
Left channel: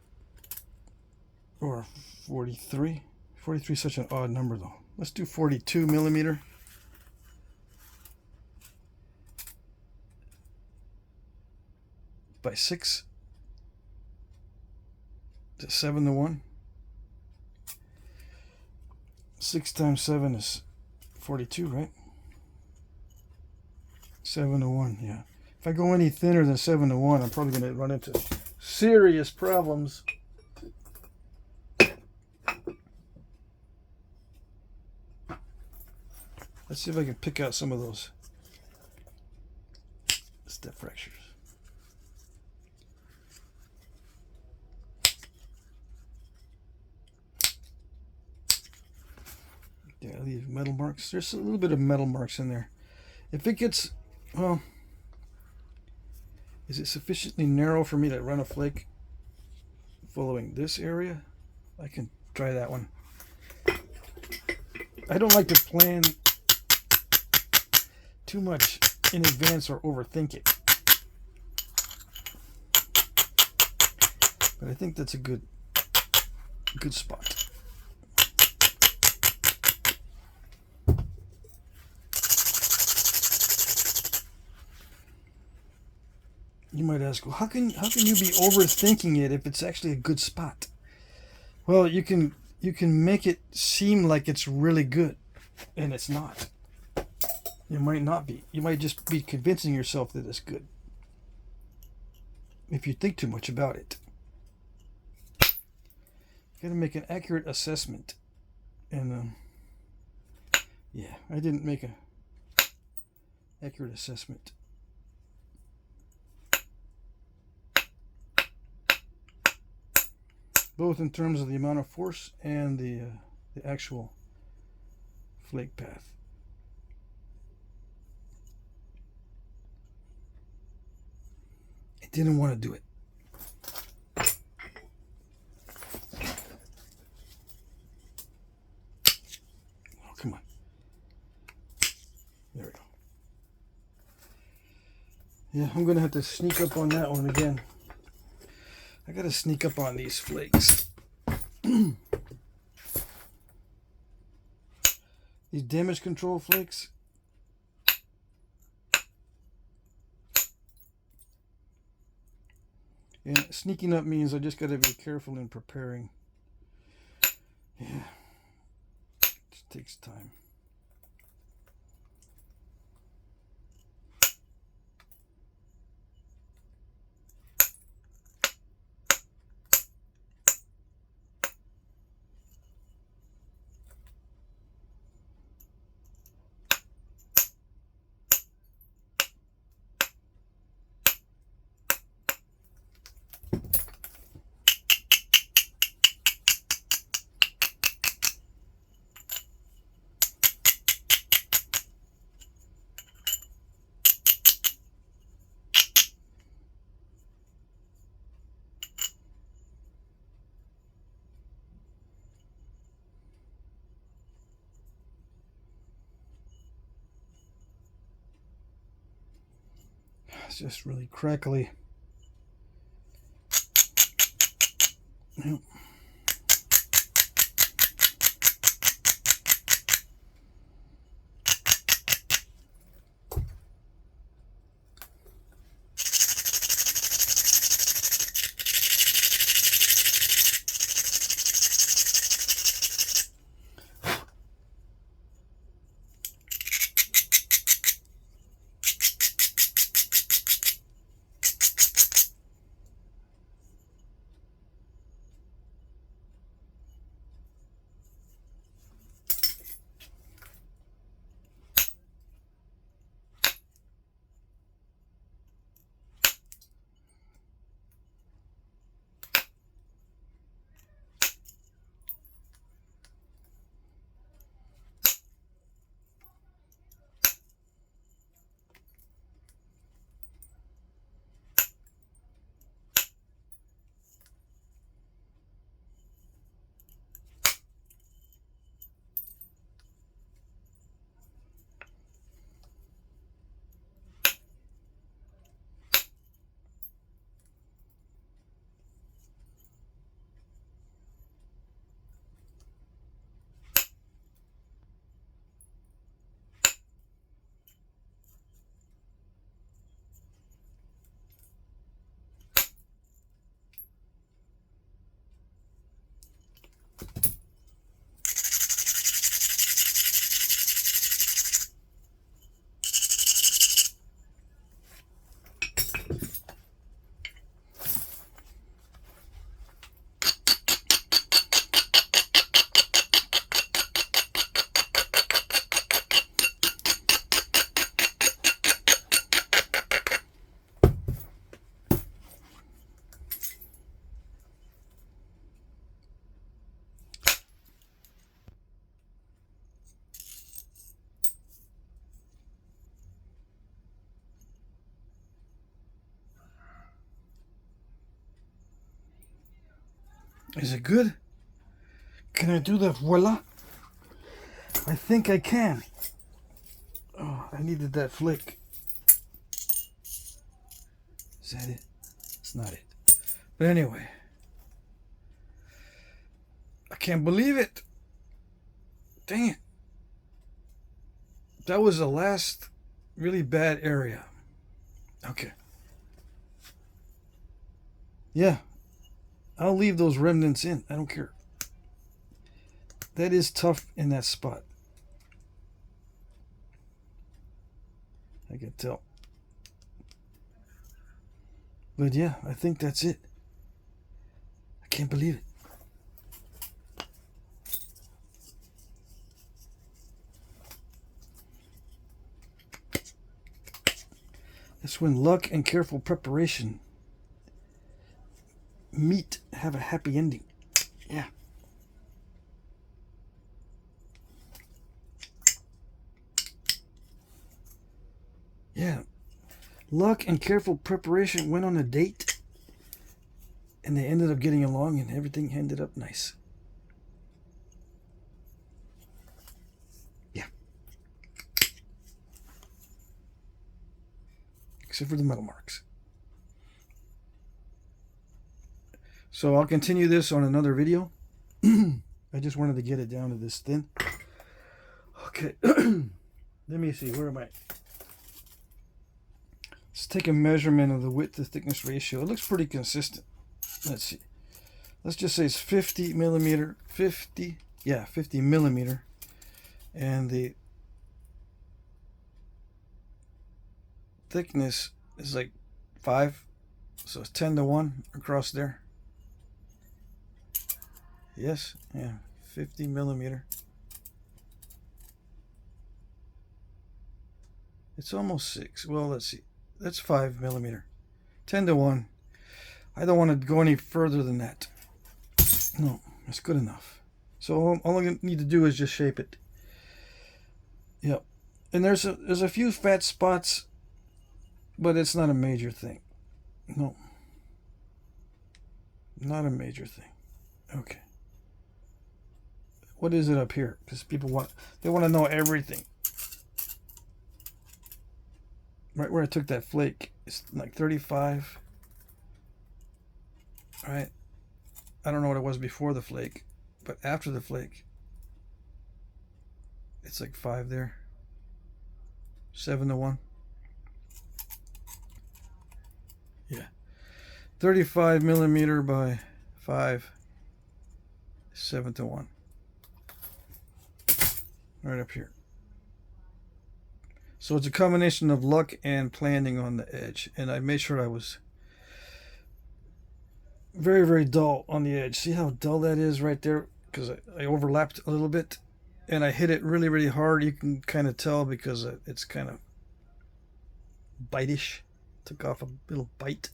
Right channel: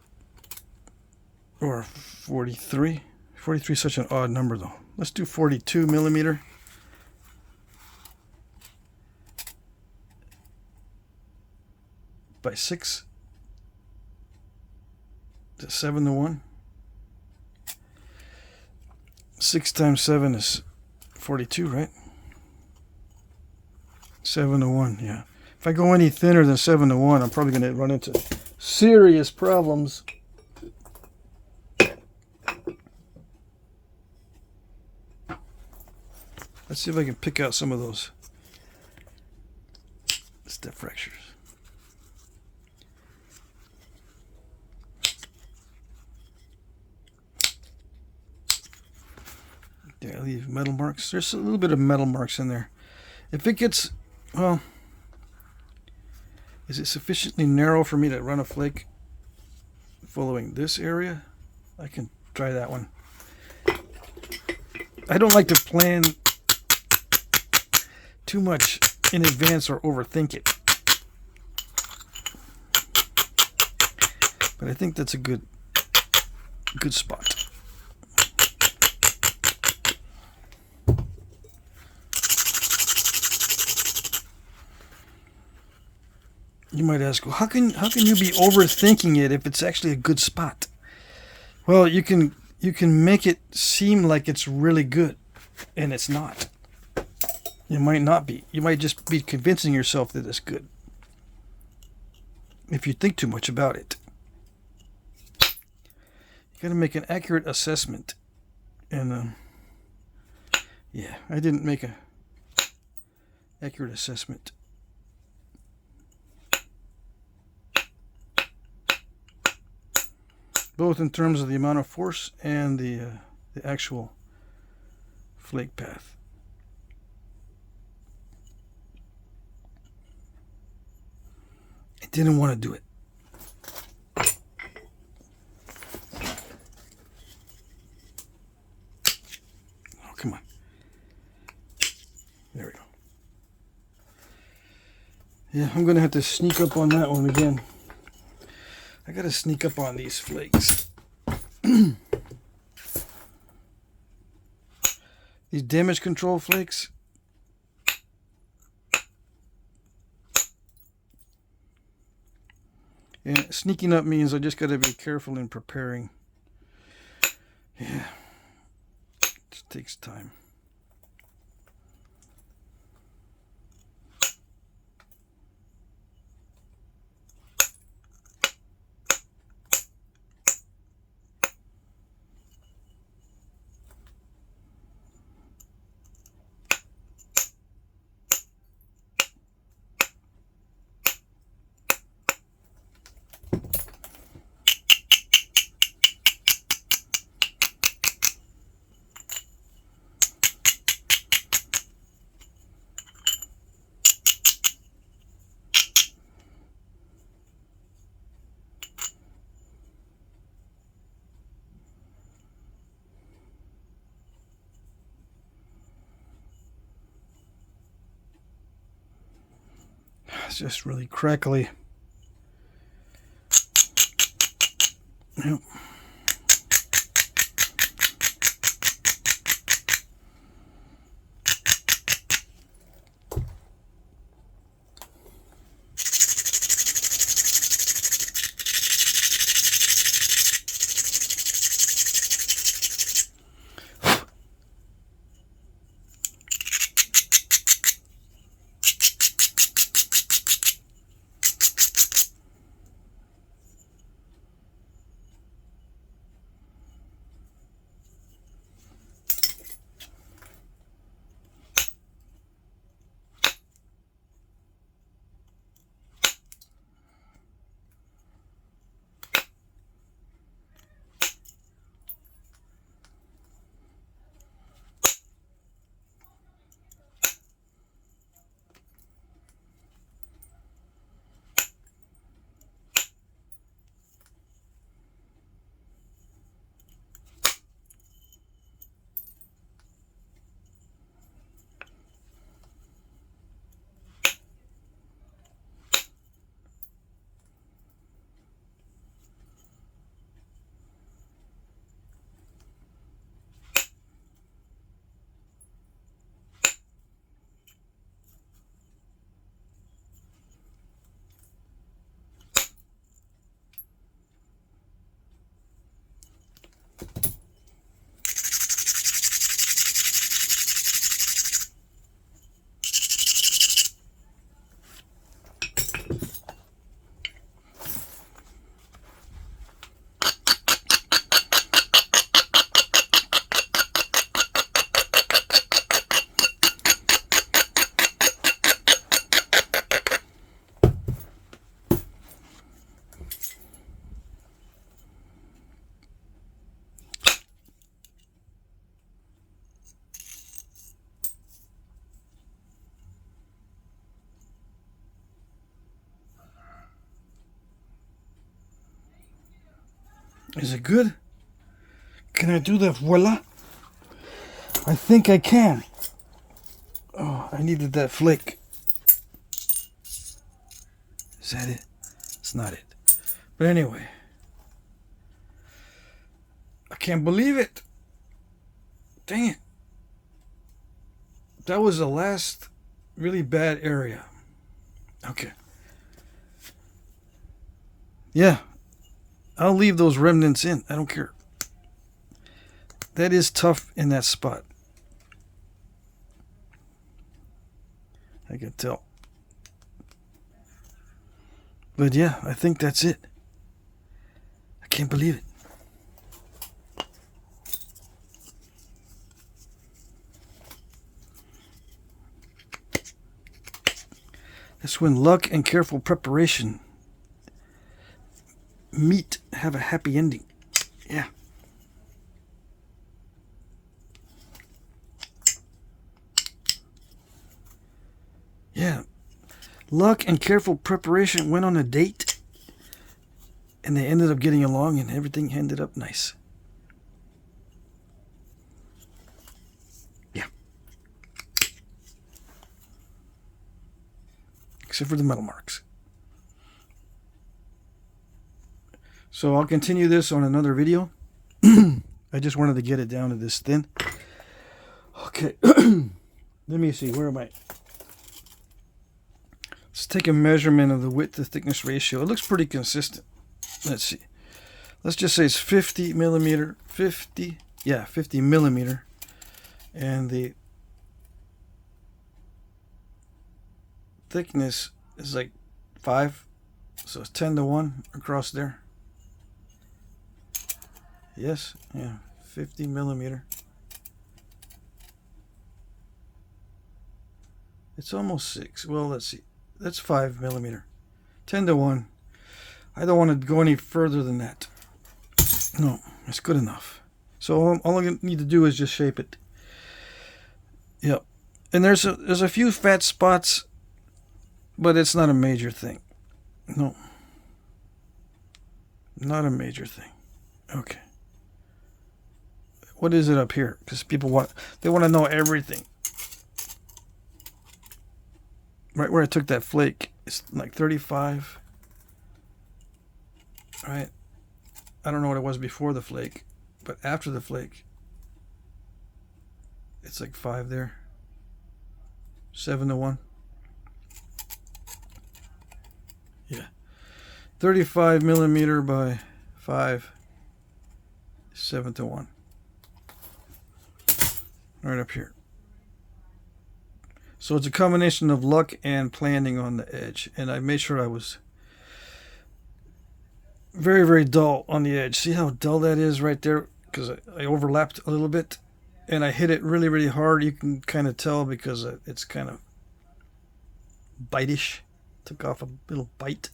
or 43. 43 is such an odd number though. Let's do 42 millimeter. By 6 to 7 to 1. 6 times 7 is 42, right? 7 to 1, yeah. If I go any thinner than 7 to 1, I'm probably going to run into serious problems. Let's see if I can pick out some of those step fractures. Yeah, I leave metal marks. There's a little bit of metal marks in there. If it gets, well, is it sufficiently narrow for me to run a flake following this area? I can try that one. I don't like to plan too much in advance or overthink it. But I think that's a good spot. You might ask, well, how can you be overthinking it if it's actually a good spot? Well, you can make it seem like it's really good, and it's not. It might not be. You might just be convincing yourself that it's good if you think too much about it. You got to make an accurate assessment, and yeah, I didn't make a accurate assessment. Both in terms of the amount of force and the actual flake path. I didn't want to do it. Oh, come on. There we go. Yeah, I'm going to have to sneak up on that one again. I gotta sneak up on these flakes. These damage control flakes. And sneaking up means I just gotta be careful in preparing. Yeah, it just takes time. It's just really crackly. Yep. Is it good? Can I do the voila? I think I can. Oh, I needed that flake. Is that it? It's not it. But anyway. I can't believe it. Dang it. That was the last really bad area. Okay. Yeah. I'll leave those remnants in. I don't care. That is tough in that spot. I can tell. But yeah, I think that's it. I can't believe it. That's when luck and careful preparation have a happy ending. Yeah. Yeah. Luck and careful preparation went on a date, and they ended up getting along, and everything ended up nice. Yeah. Except for the metal marks. So I'll continue this on another video. I just wanted to get it down to this thin. Okay. Let me see. Where am I? Let's take a measurement of the width to thickness ratio. It looks pretty consistent. Let's see. Let's just say it's 50 millimeter. 50 millimeter. And the thickness is like 5. So it's 10 to 1 across there. Yes, yeah, 50 millimeter. It's almost 6. Well, let's see. That's 5 millimeter. 10 to 1. I don't want to go any further than that. No, it's good enough. So all I need to do is just shape it. Yep. And there's a few fat spots, but it's not a major thing. No. Not a major thing. Okay. What is it up here? Because people want to know everything. Right where I took that flake, it's like 35. Right? I don't know what it was before the flake, but after the flake, it's like 5 there. 7 to 1. Yeah. 35 millimeter by 5. 7 to 1. Right up here. So it's a combination of luck and planning on the edge. And I made sure I was very, very dull on the edge. See how dull that is right there? Because I overlapped a little bit. And I hit it really, really hard. You can kind of tell because it's kind of bite-ish. Took off a little bite.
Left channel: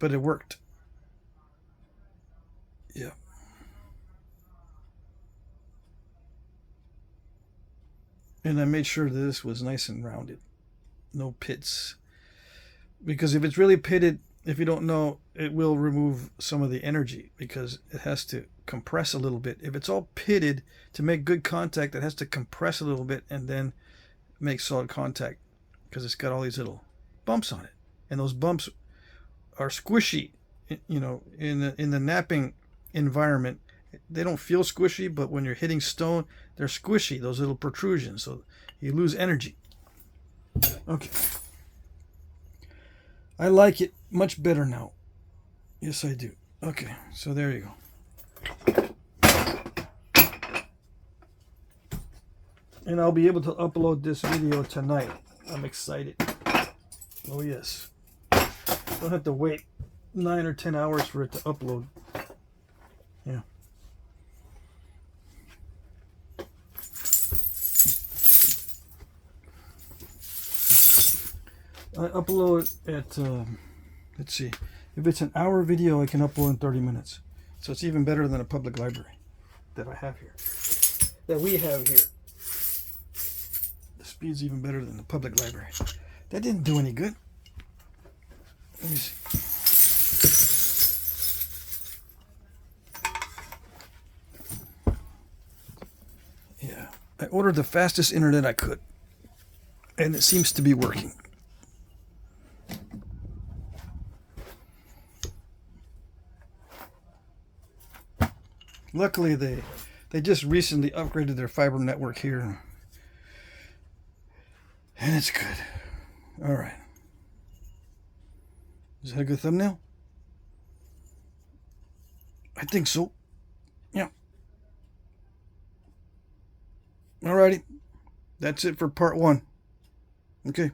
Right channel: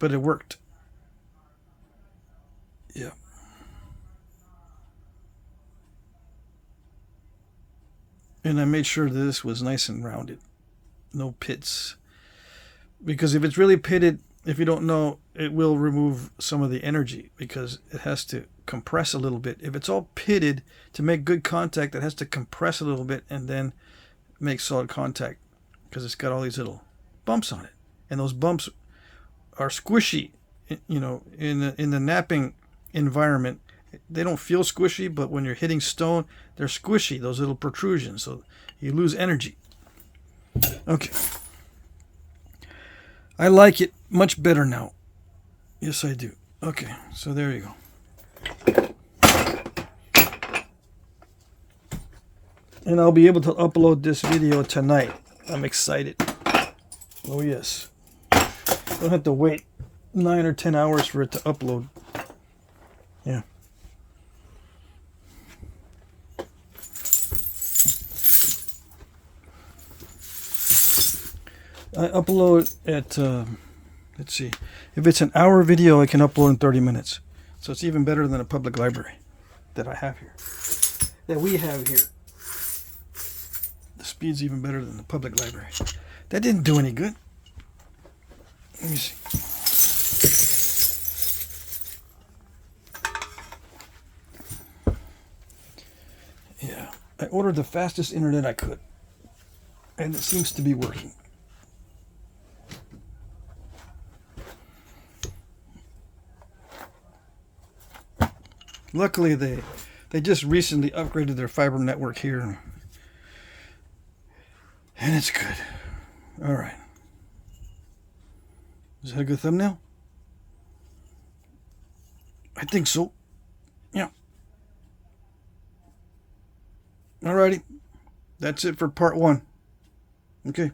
But it worked. Yeah. And I made sure this was nice and rounded. No pits. Because if it's really pitted, if you don't know, it will remove some of the energy because it has to compress a little bit. If it's all pitted, to make good contact, it has to compress a little bit and then make solid contact because it's got all these little bumps on it. And those bumps are squishy. You know, in the knapping environment, they don't feel squishy, but when you're hitting stone, they're squishy, those little protrusions, so you lose energy. Okay. I like it much better now. Yes, I do. Okay, so there you go. And I'll be able to upload this video tonight. I'm excited. Oh, yes. Don't have to wait 9 or 10 hours for it to upload. Yeah. I upload at, let's see, if it's an hour video, I can upload in 30 minutes. So it's even better than a public library that I have here, that we have here. The speed's even better than the public library. That didn't do any good. Let me see. I ordered the fastest internet I could, and it seems to be working. Luckily, they just recently upgraded their fiber network here, and it's good. All right. Is that a good thumbnail? I think so. Yeah. Alrighty. That's it for part 1. Okay.